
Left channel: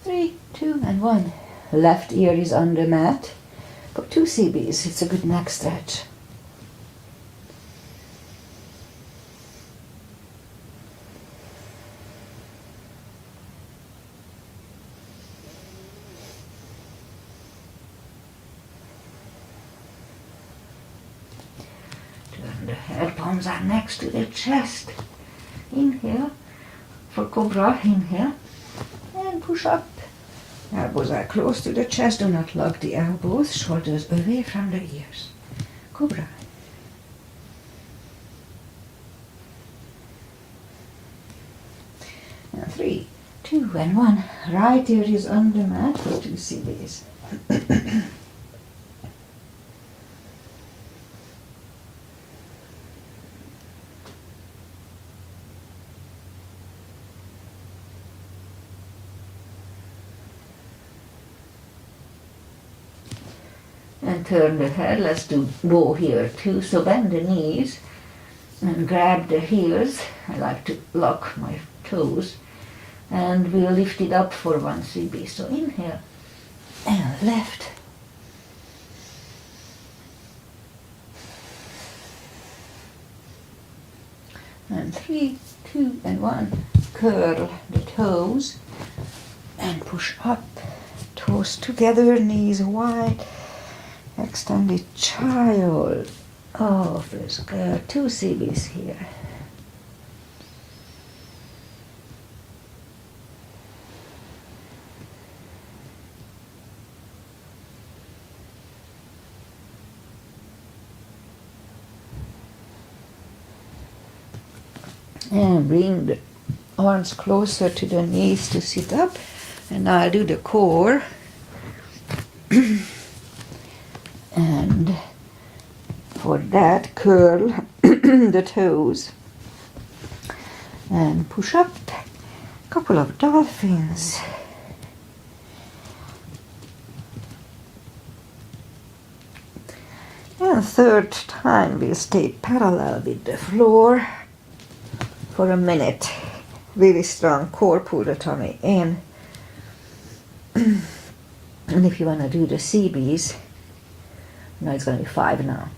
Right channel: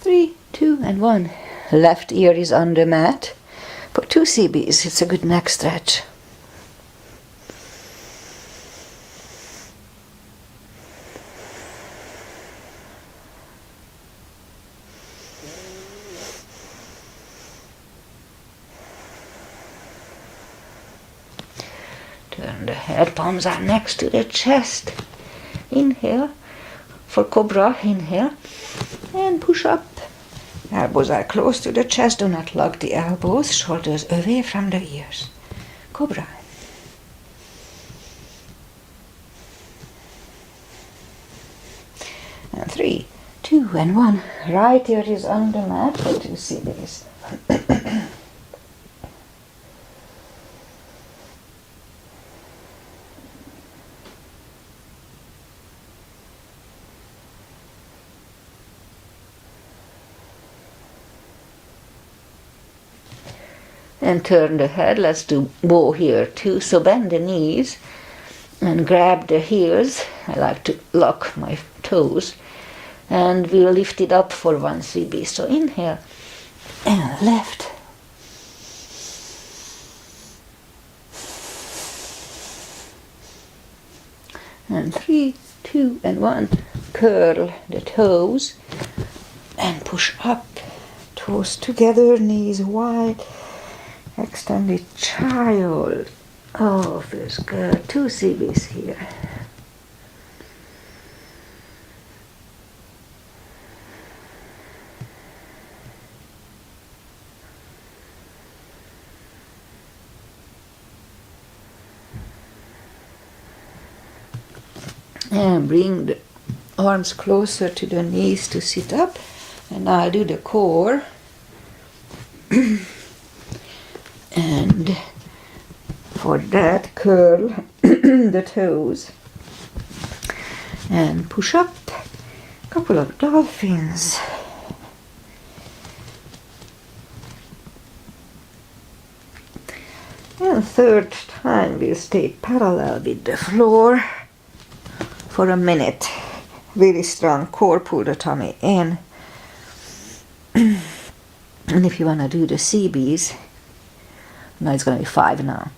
Three, 2, and 1. Left ear is on the mat. For 2 CBs, it's a good neck stretch. Turn the head, palms are next to the chest. Inhale. For cobra, inhale. And push up. Elbows are close to the chest. Do not lock the elbows. Shoulders away from the ears. Cobra. And 3, 2, and 1. Right ear is on the mat. For 2 CBs. And turn the head. Let's do bow here too. So bend the knees and grab the heels. I like to lock my toes. And we'll lift it up for 1 CB. So inhale and left. And 3, 2, and 1. Curl the toes and push up. Toes together, knees wide. Extended child. Oh, feels good. 2 CBs here. And bring the arms closer to the knees to sit up. And I'll do the core. And for that, curl the toes and push up a couple of dolphins. And third time we'll stay parallel with the floor for a minute. Really strong core, pull the tummy in. And if you want to do the CBs, now it's going to be 5 now.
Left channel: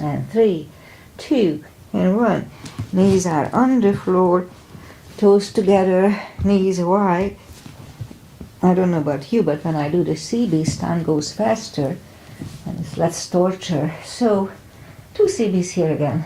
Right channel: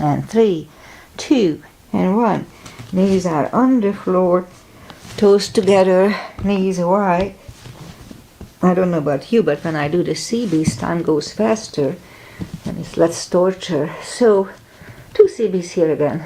And 3, 2, and 1. Knees are on the floor, toes together, knees wide. I don't know about you, but when I do the CBs, time goes faster and it's less torture. So, 2 CBs here again.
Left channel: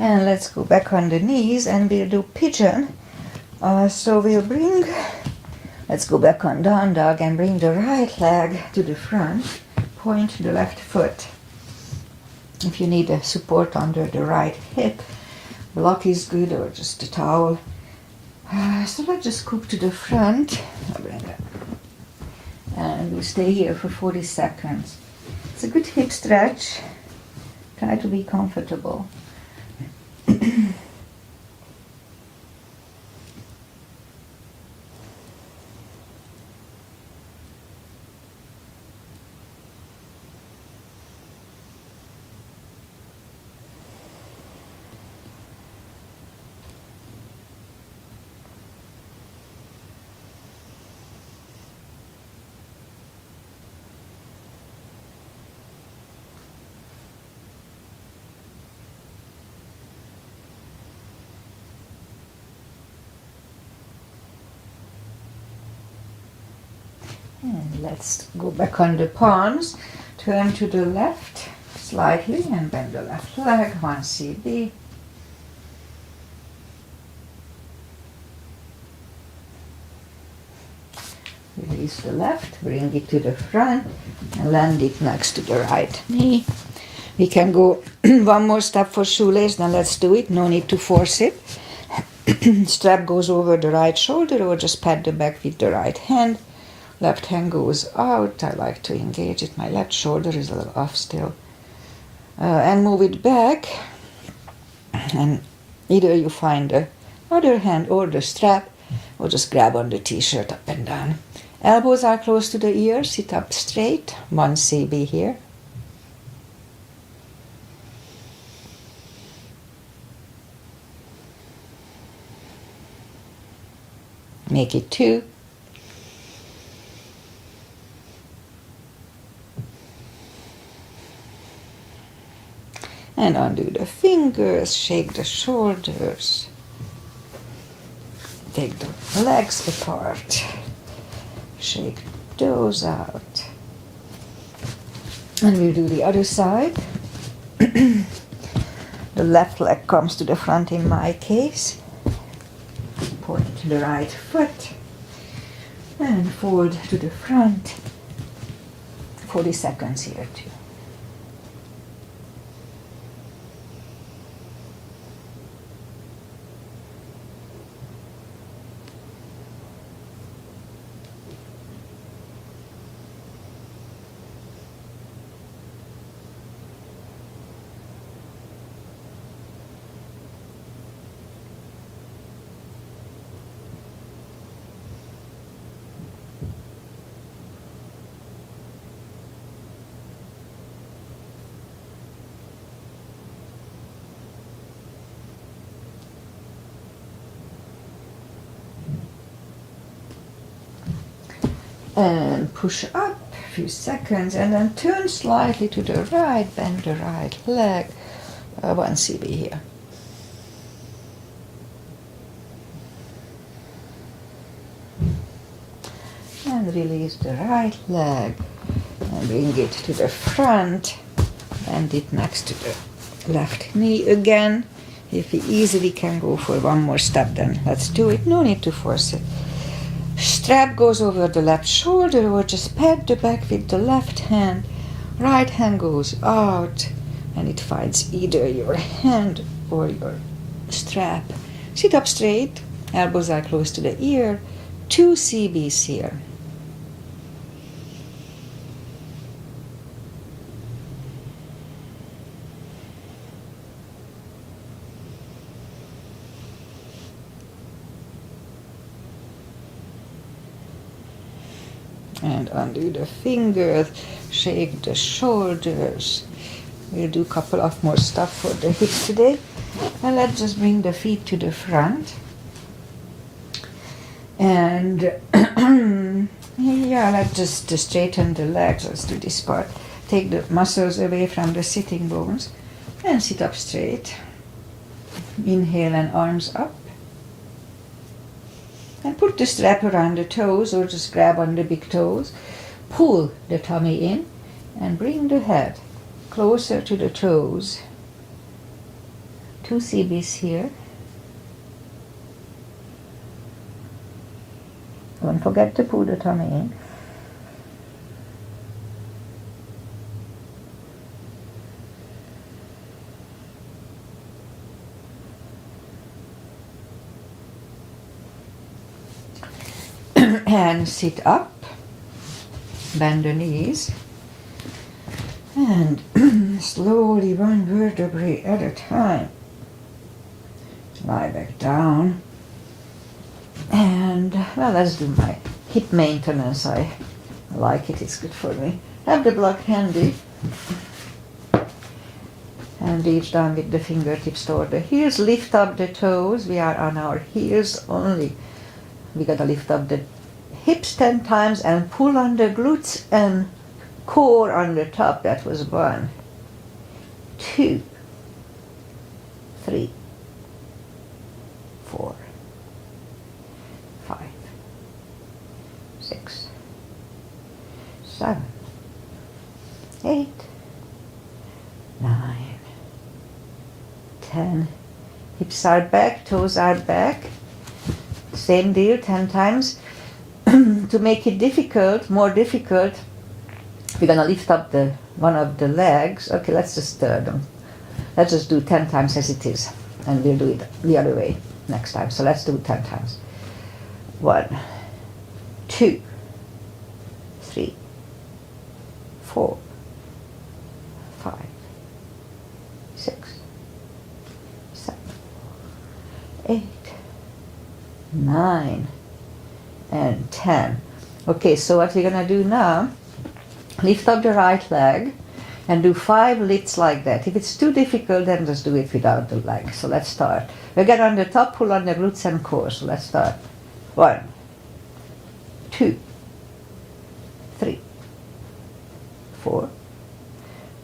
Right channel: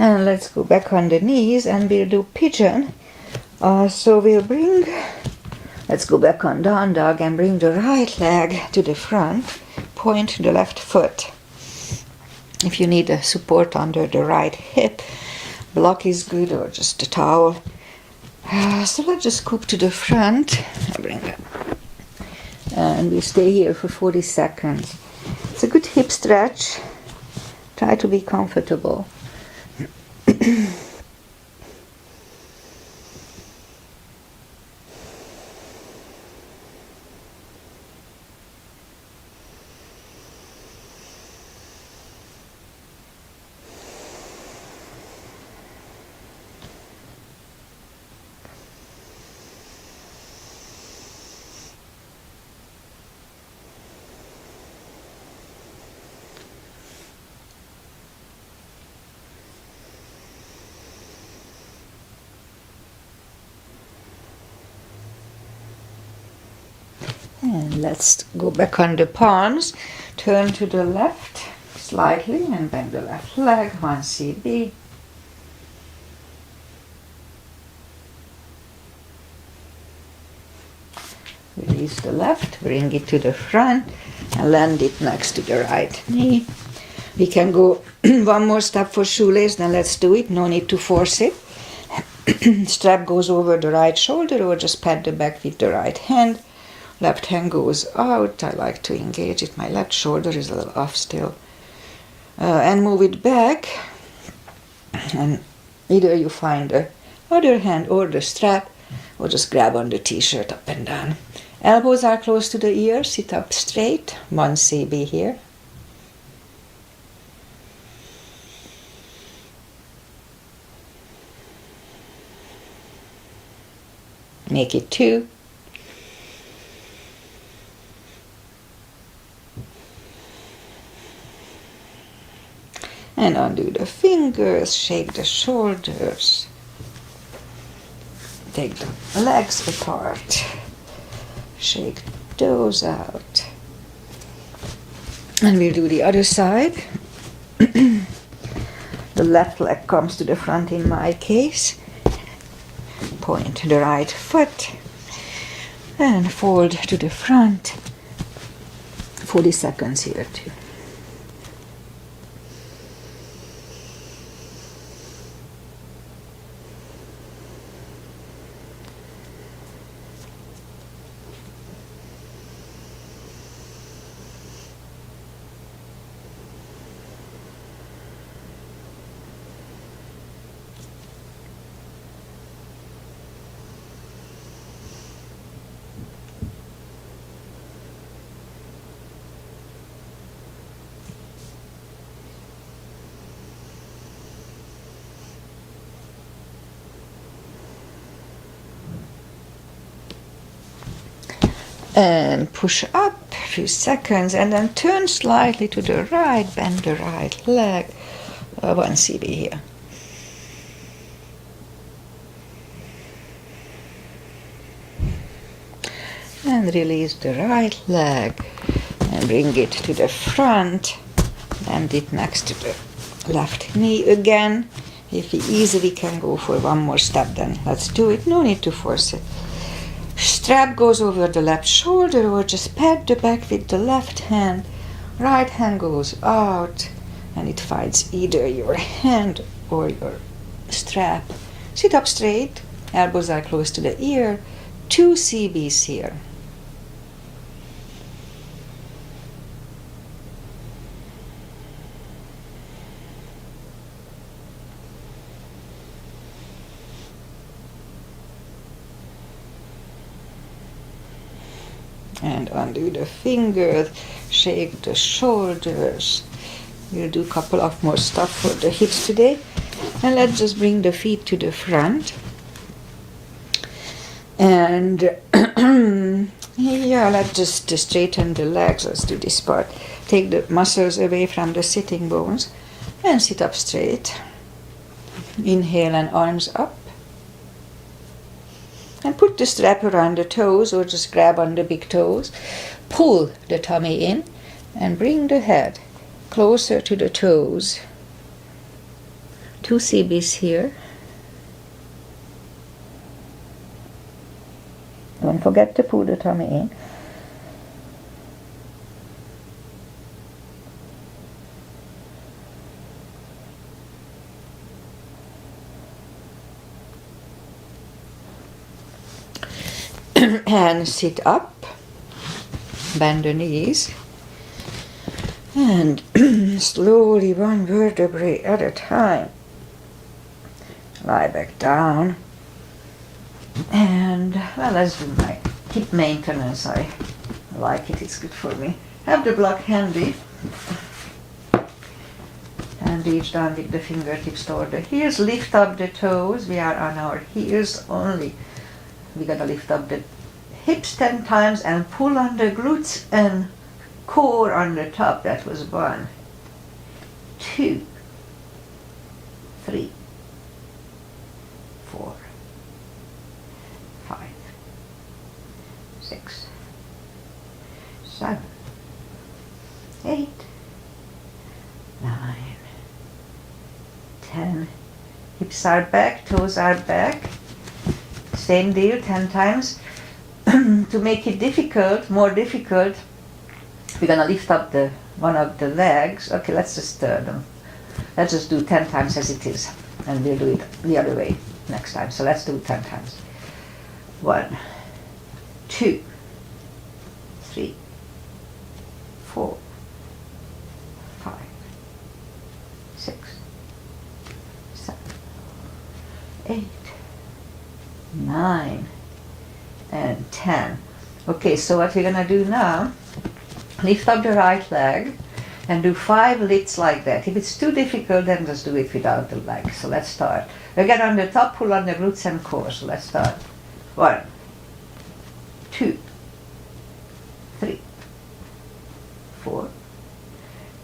And let's go back on the knees and we'll do pigeon. So we'll bring, let's go back on down dog and bring the right leg to the front, point the left foot. If you need a support under the right hip, block is good or just a towel. So let's just scoop to the front. I bring it. And we stay here for 40 seconds. It's a good hip stretch. Try to be comfortable. And let's go back on the palms. Turn to the left slightly and bend the left leg. 1 CB. Release the left, bring it to the front and land it next to the right knee. We can go one more step for shoelace, then let's do it. No need to force it. Strap goes over the right shoulder or just pat the back with the right hand. Left hand goes out. I like to engage it. My left shoulder is a little off still. And move it back. And either you find the other hand or the strap or just grab on the t-shirt up and down. Elbows are close to the ears. Sit up straight. 1 CB here. Make it 2. And undo the fingers, shake the shoulders. Take the legs apart. Shake those out. And we'll do the other side. The left leg comes to the front in my case. Point the right foot. And fold to the front. 40 seconds here too. and push up a few seconds, and then turn slightly to the right, bend the right leg. 1 CB here. And release the right leg and bring it to the front. Bend it next to the left knee again. If we easily can go for one more step, then let's do it. No need to force it. Strap goes over the left shoulder, or just pat the back with the left hand. Right hand goes out and it finds either your hand or your strap. Sit up straight, elbows are close to the ear. 2 CBs here. And undo the fingers, shake the shoulders. We'll do a couple of more stuff for the hips today. And let's just bring the feet to the front. And yeah, let's just straighten the legs. Let's do this part. Take the muscles away from the sitting bones and sit up straight. Inhale and arms up. And put the strap around the toes, or just grab on the big toes. Pull the tummy in and bring the head closer to the toes. 2 CBs here. Don't forget to pull the tummy in. And sit up, bend the knees, and slowly, one vertebrae at a time, lie back down. And well, let's do my hip maintenance. I like it, it's good for me. Have the block handy and reach down with the fingertips toward the heels. Lift up the toes. We are on our heels only. We gotta lift up the hips 10 times and pull on the glutes and core on the top. That was 1, 2, 3, 4, 5, 6, 7, 8, 9, 10. Hips are back, toes are back. Same deal, 10 times. To make it difficult, more difficult, we're gonna lift up one of the legs. Okay, let's just let's just do 10 times as it is, and we'll do it the other way next time. So let's do it 10 times. 1, 2, 3, 4, 5, 6, 7, 8, 9, and 10. Okay, so what we're gonna do now, lift up the right leg and do 5 lifts like that. If it's too difficult, then just do it without the leg. So let's start. Again, on the top, pull on the glutes and core. So let's start. 1, 2, 3, 4,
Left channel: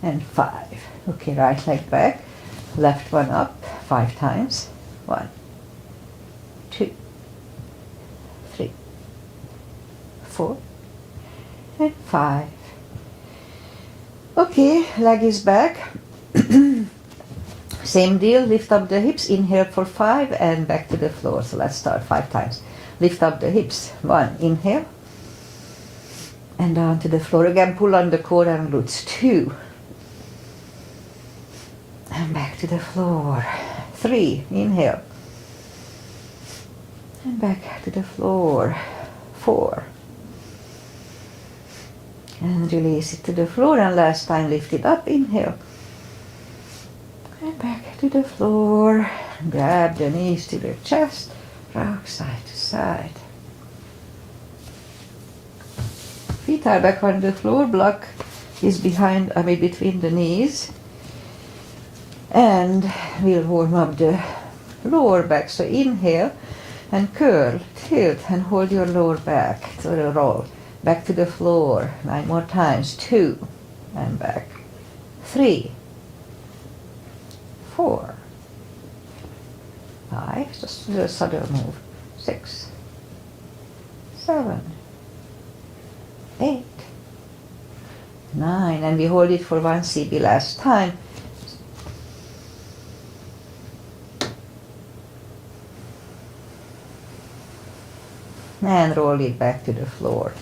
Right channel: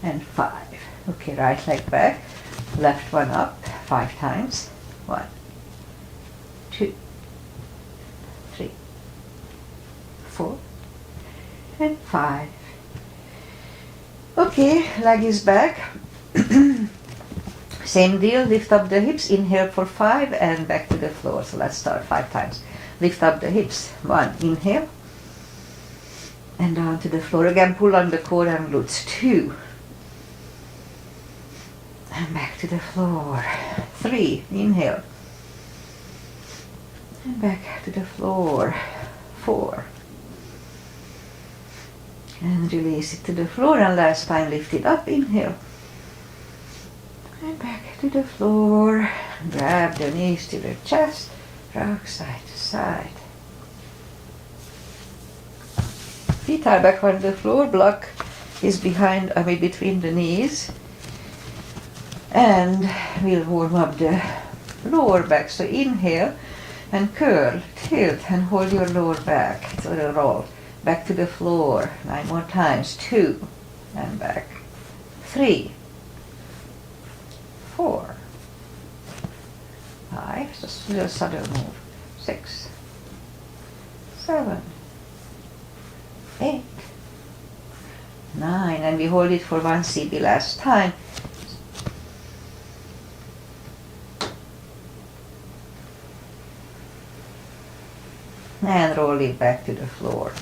and 5. Okay, right leg back, left one up 5 times. 1, 2, 3, 4, and 5. Okay, leg is back. Same deal, lift up the hips, inhale for 5 and back to the floor. So let's start 5 times. Lift up the hips. 1, inhale, and down to the floor again. Pull on the core and glutes. 2, and back to the floor. 3, inhale, and back to the floor. 4, and release it to the floor, and last time lift it up, inhale, and back to the floor. Grab the knees to the chest, rock side to side. Feet are back on the floor, block is between the knees, and we'll warm up the lower back. So inhale and curl, tilt, and hold your lower back to the roll. back to the floor. 9 more times. 2, and back. 3, 4, 5, just a little subtle move. 6, 7, 8, 9, and we hold it for 1 CB last time. And roll it back to the floor.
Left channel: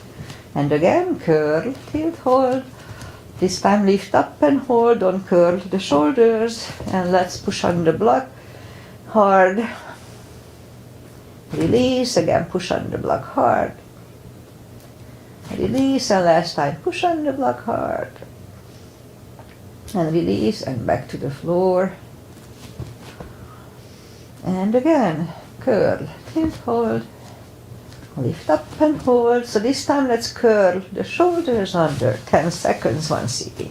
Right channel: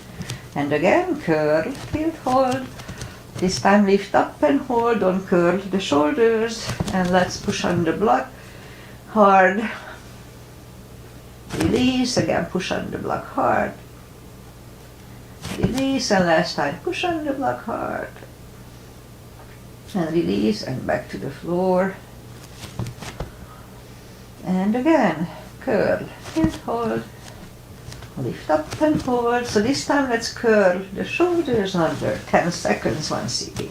And again, curl, tilt, hold. This time lift up and hold, don't curl the shoulders. And let's push on the block hard. Release, again push on the block hard. Release, and last time push on the block hard. And release, and back to the floor. And again, curl, tilt, hold. Lift up and hold. So this time let's curl the shoulders under 10 seconds, 1 CB.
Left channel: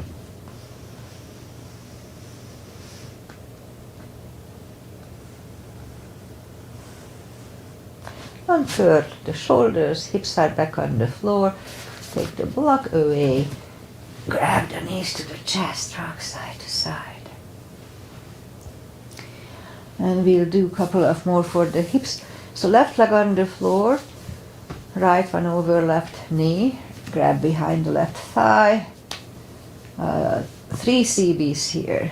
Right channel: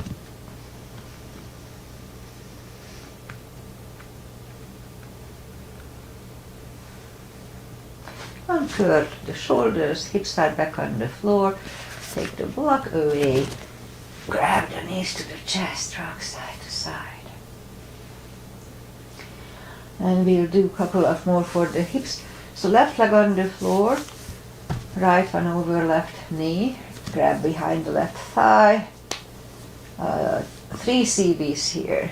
Uncurl the shoulders, hips are back on the floor. Take the block away. Grab the knees to the chest, rock side to side. And we'll do a couple of more for the hips. So left leg on the floor. Right one over left knee, grab behind the left thigh. 3 CBs here.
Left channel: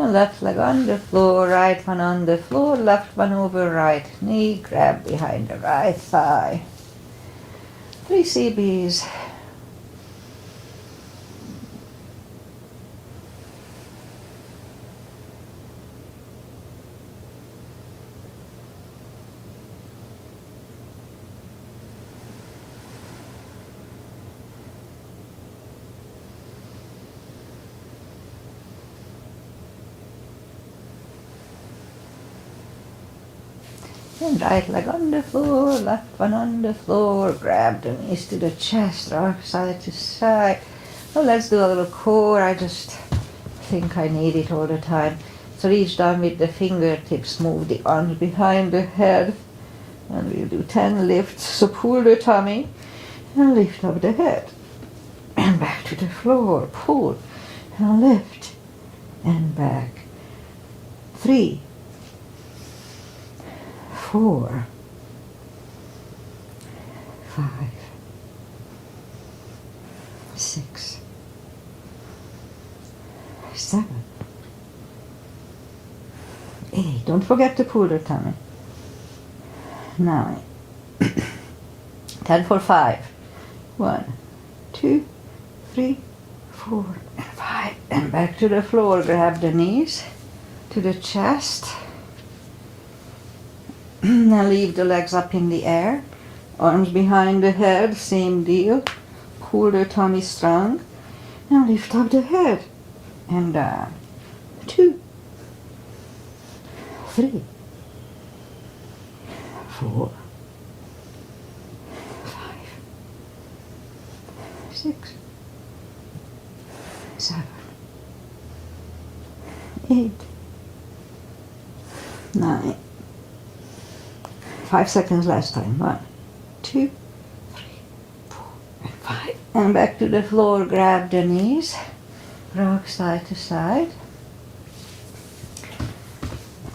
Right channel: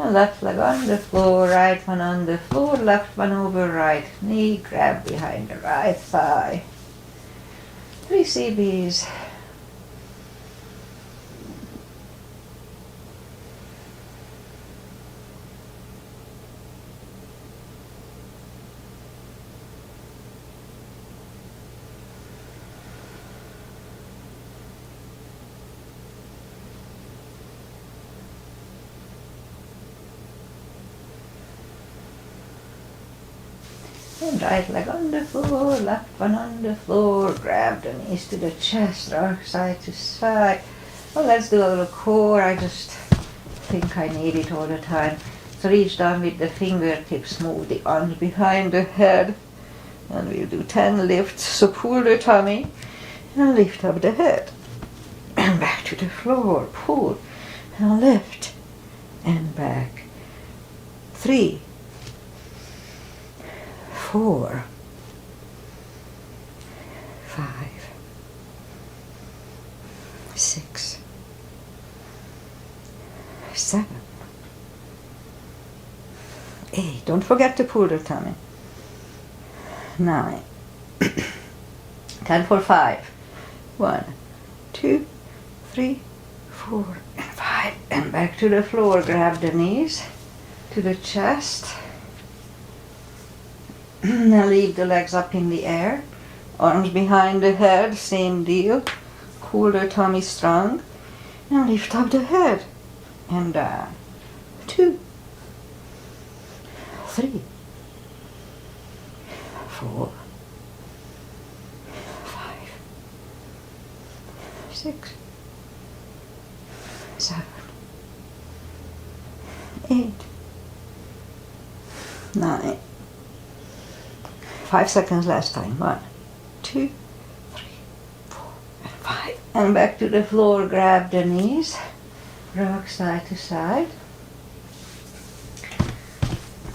Left leg on the floor, right one on the floor, left one over right knee, grab behind the right thigh. 3 CBs. And right leg on the floor, left one on the floor, grab the knees to the chest, rock side to side. Well, let's do a little core. I just think I need it all the time. So reach down with the fingertips, move the arms behind the head, and we'll do 10 lifts. So pull the tummy and lift up the head. And back to the floor, pull and lift and back. 3, 4, 5, 6, 7, 8. Don't forget to pull the tummy. 9. 10 for 5. 1, 2, 3, 4, and 5. And back to the floor. Grab the knees to the chest. Now leave the legs up in the air, arms behind the head, same deal. Pull the tummy strong and lift up the head and down. 2, 3, 4, 5, 6, 7, 8, 9. 5 seconds last time. 1, 2, 3, 4, and 5. And back to the floor. Grab the knees. Rock side to side.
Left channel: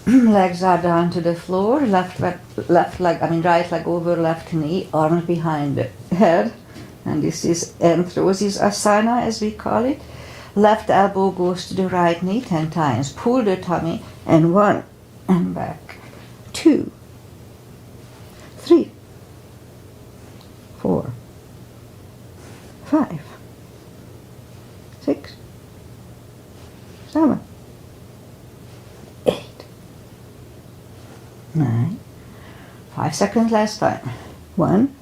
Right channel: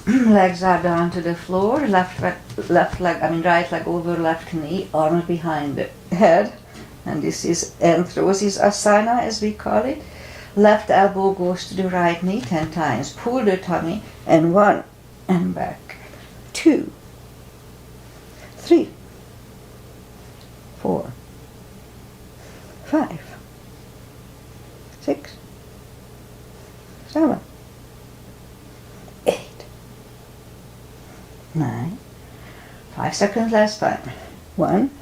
Legs are down to the floor. Right leg over left knee. Arms behind the head. And this is Anthrosis Asana, as we call it. Left elbow goes to the right knee 10 times. Pull the tummy. And 1. And back. 2. 3, 4, 5, 6, 7, 8, 9. 5 seconds last time. 1,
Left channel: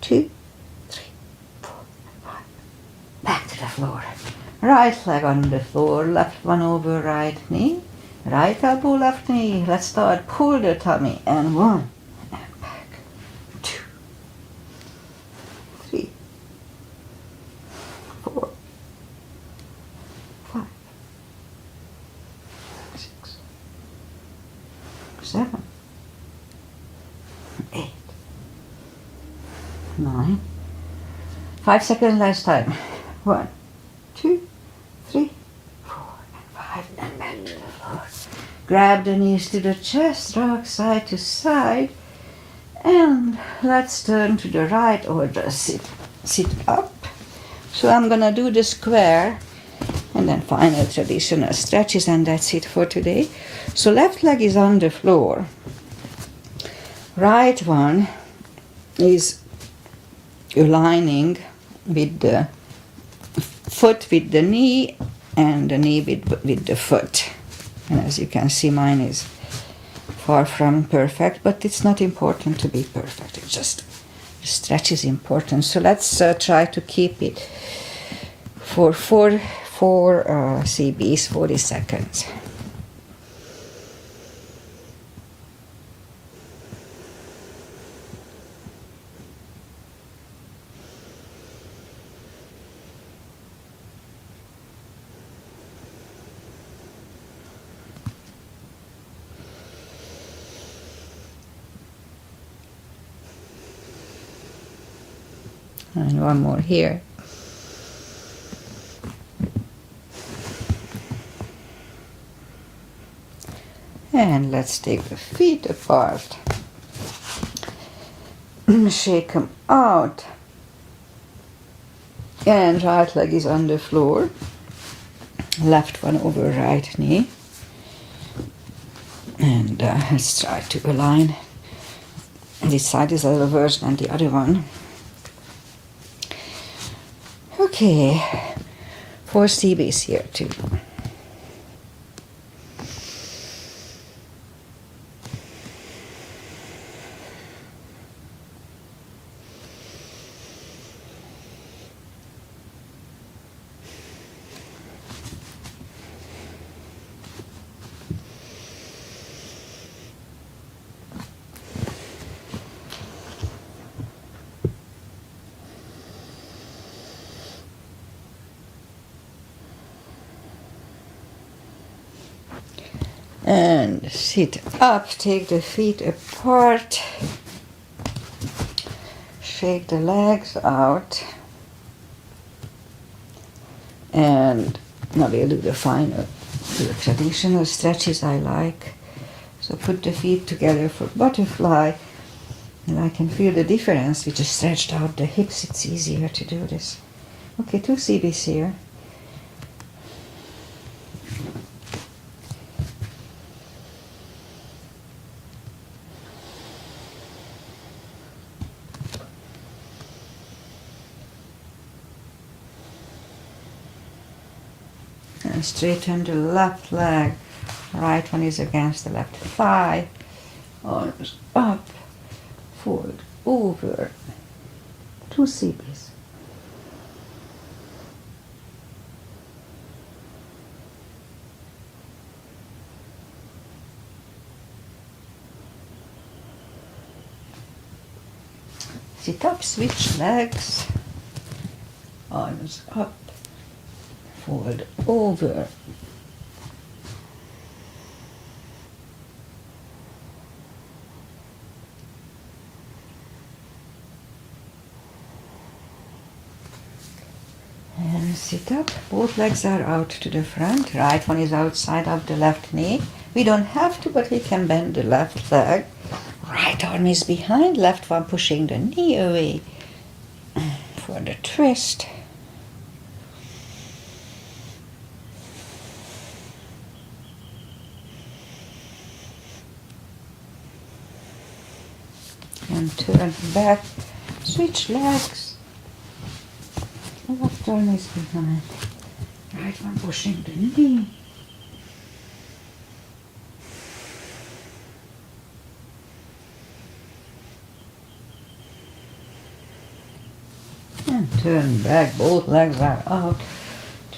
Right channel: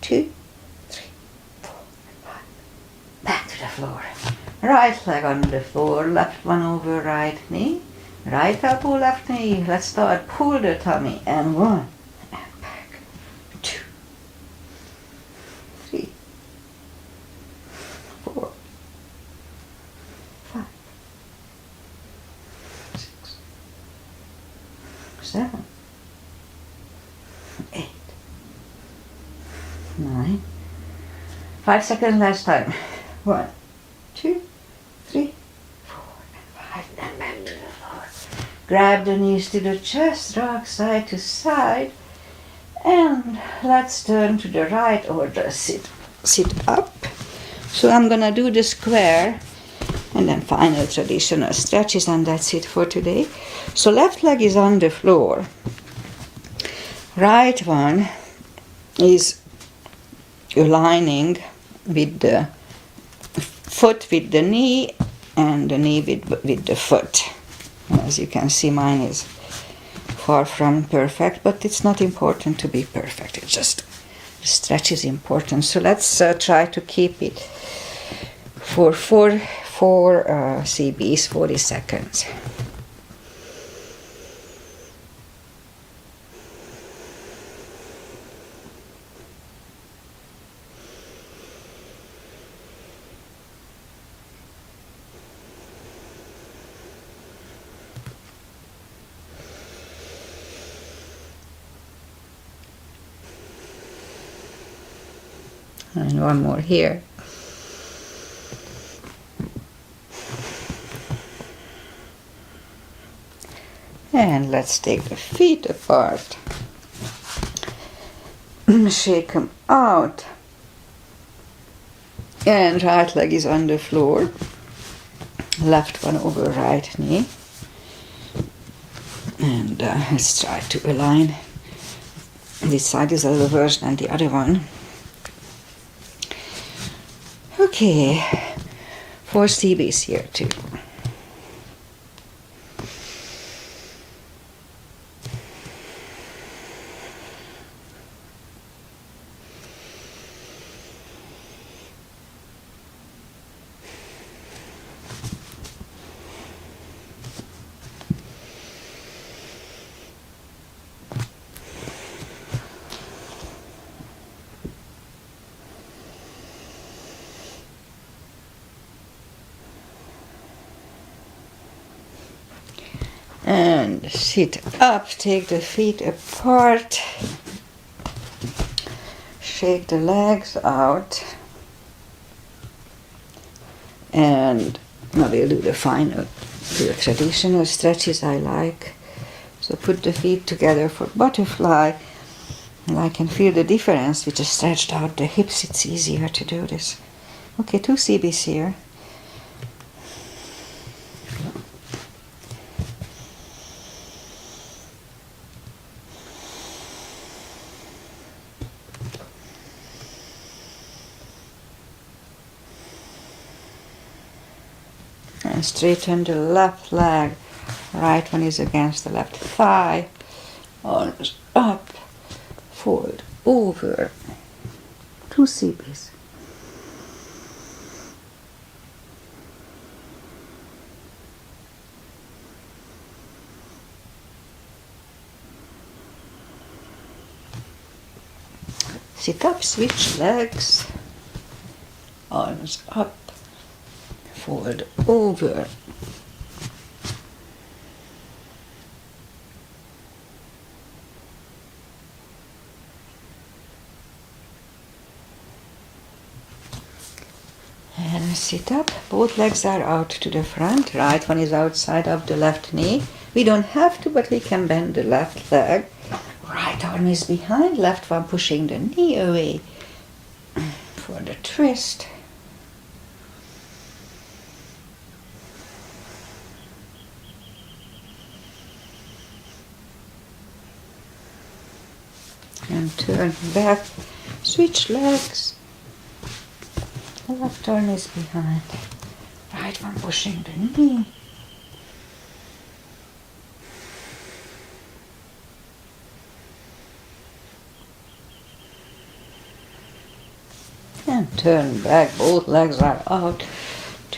2, 3, 4, 5. Back to the floor. Right leg on the floor, left one over right knee. Right elbow, left knee. Let's start. Pull the tummy. And 1. And back. 2. 3. 4. 5. 6. 7. 8. 9. 5 seconds last time. 1, 2, 3, 4, and 5. And back to the floor. Grab the knees to the chest, rock side to side. And let's turn to the right or just sit up. So I'm gonna do the square and then final traditional stretches, and that's it for today. So left leg is on the floor. Right one is aligning with the foot with the knee and the knee with the foot. And as you can see, mine is far from perfect, but it's not important to be perfect. It's just the stretch is important. So let's try to keep it for four CBs, 40 seconds. And one more here. And let's take the feet apart. Shake them out. And right leg is on the floor. Left one over right knee. And let's try to align. This side is a little worse than the other one. Okay, 4 CBs here too. And sit up, take the feet apart, shake the legs out, and now we'll do the final, the traditional stretches I like. So put the feet together for butterfly, and I can feel the difference. We just stretched out the hips, it's easier to do this. Okay, 2 CBs here. And straighten the left leg. Right one is against the left thigh. Arms up. Fold over. 2 CBs. Sit up, switch legs. Arms up. Fold over. And sit up. Both legs are out to the front. Right one is outside of the left knee. We don't have to, but we can bend the left leg. Right arm is behind, left one pushing the knee away for the twist. And turn back, switch legs. Left arm is behind, right one pushing the knee. And turn back, both legs are out.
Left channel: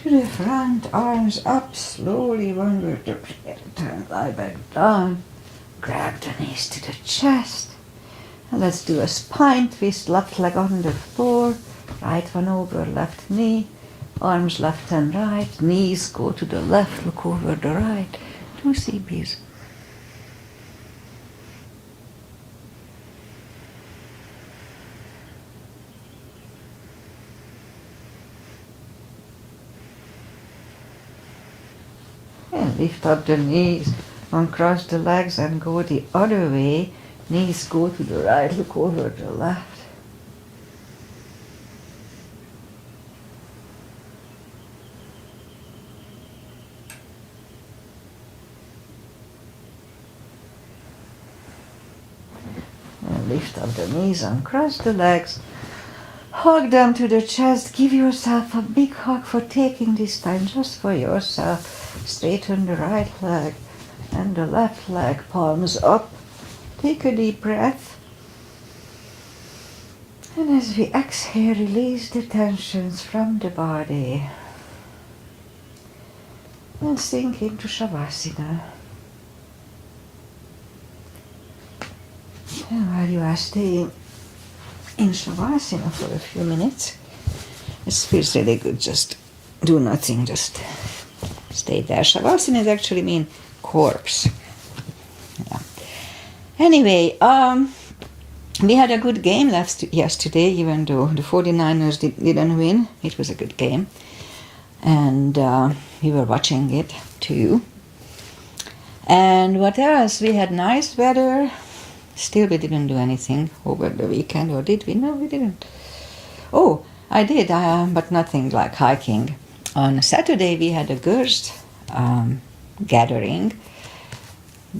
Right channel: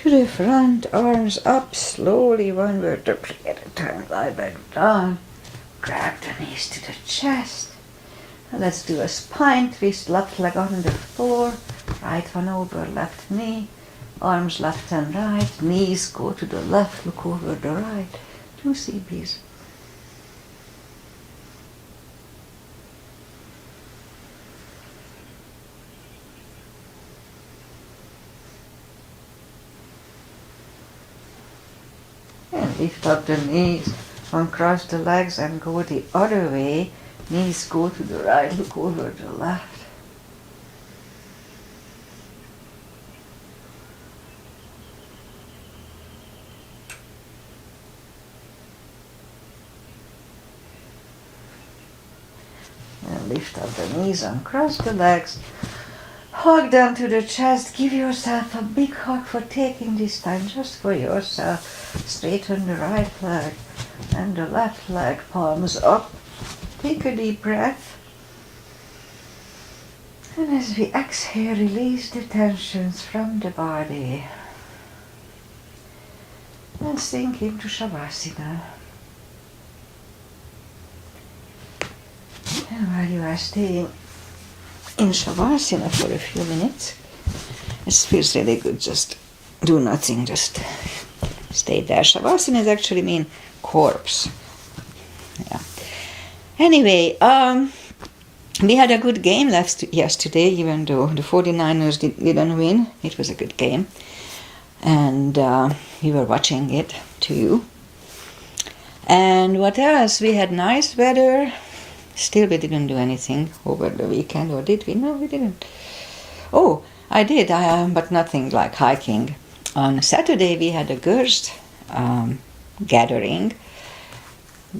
To the front, arms up, slowly, one vertebra at a time, lie back down. Grab the knees to the chest. And let's do a spine twist, left leg on the floor, right one over left knee, arms left and right, knees go to the left, look over the right. 2 CPs. And lift up the knees, uncross the legs and go the other way. Knees go to the right, look over the left. And lift up the knees, uncross the legs. Hug them to the chest. Give yourself a big hug for taking this time just for yourself. Straighten the right leg and the left leg, palms up. Take a deep breath. And as we exhale, release the tensions from the body. And sink into Shavasana. And while you are staying in Shavasana for a few minutes, it feels really good. Just do nothing, just stay there. Shavasana is actually mean corpse. Yeah. Anyway, we had a good game yesterday, even though the 49ers didn't win. It was a good game. And we were watching it too. And what else? We had nice weather. Still, we didn't do anything over the weekend, or did we? No, we didn't. Oh, I did, but nothing like hiking. On Saturday, we had a girls' gathering,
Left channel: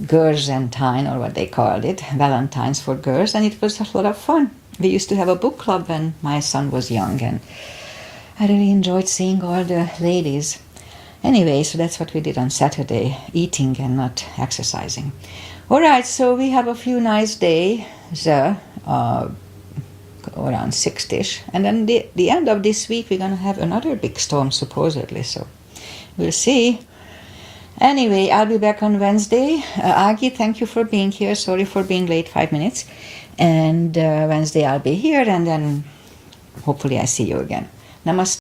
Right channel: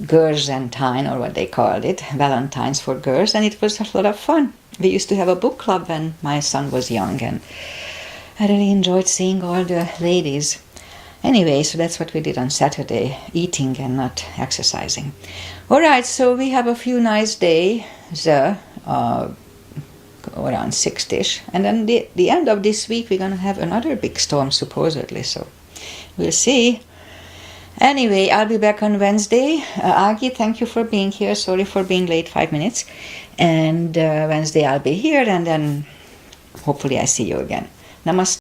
Girls and Time, or what they called it, Valentine's for girls, and it was a lot of fun. We used to have a book club when my son was young, and I really enjoyed seeing all the ladies. Anyway, so that's what we did on Saturday, eating and not exercising. All right, so we have a few nice days, around 6-ish, and then the end of this week we're going to have another big storm, supposedly, so we'll see. Anyway, I'll be back on Wednesday. Agi, thank you for being here. Sorry for being late 5 minutes. And Wednesday I'll be here, and then hopefully I see you again. Namaste.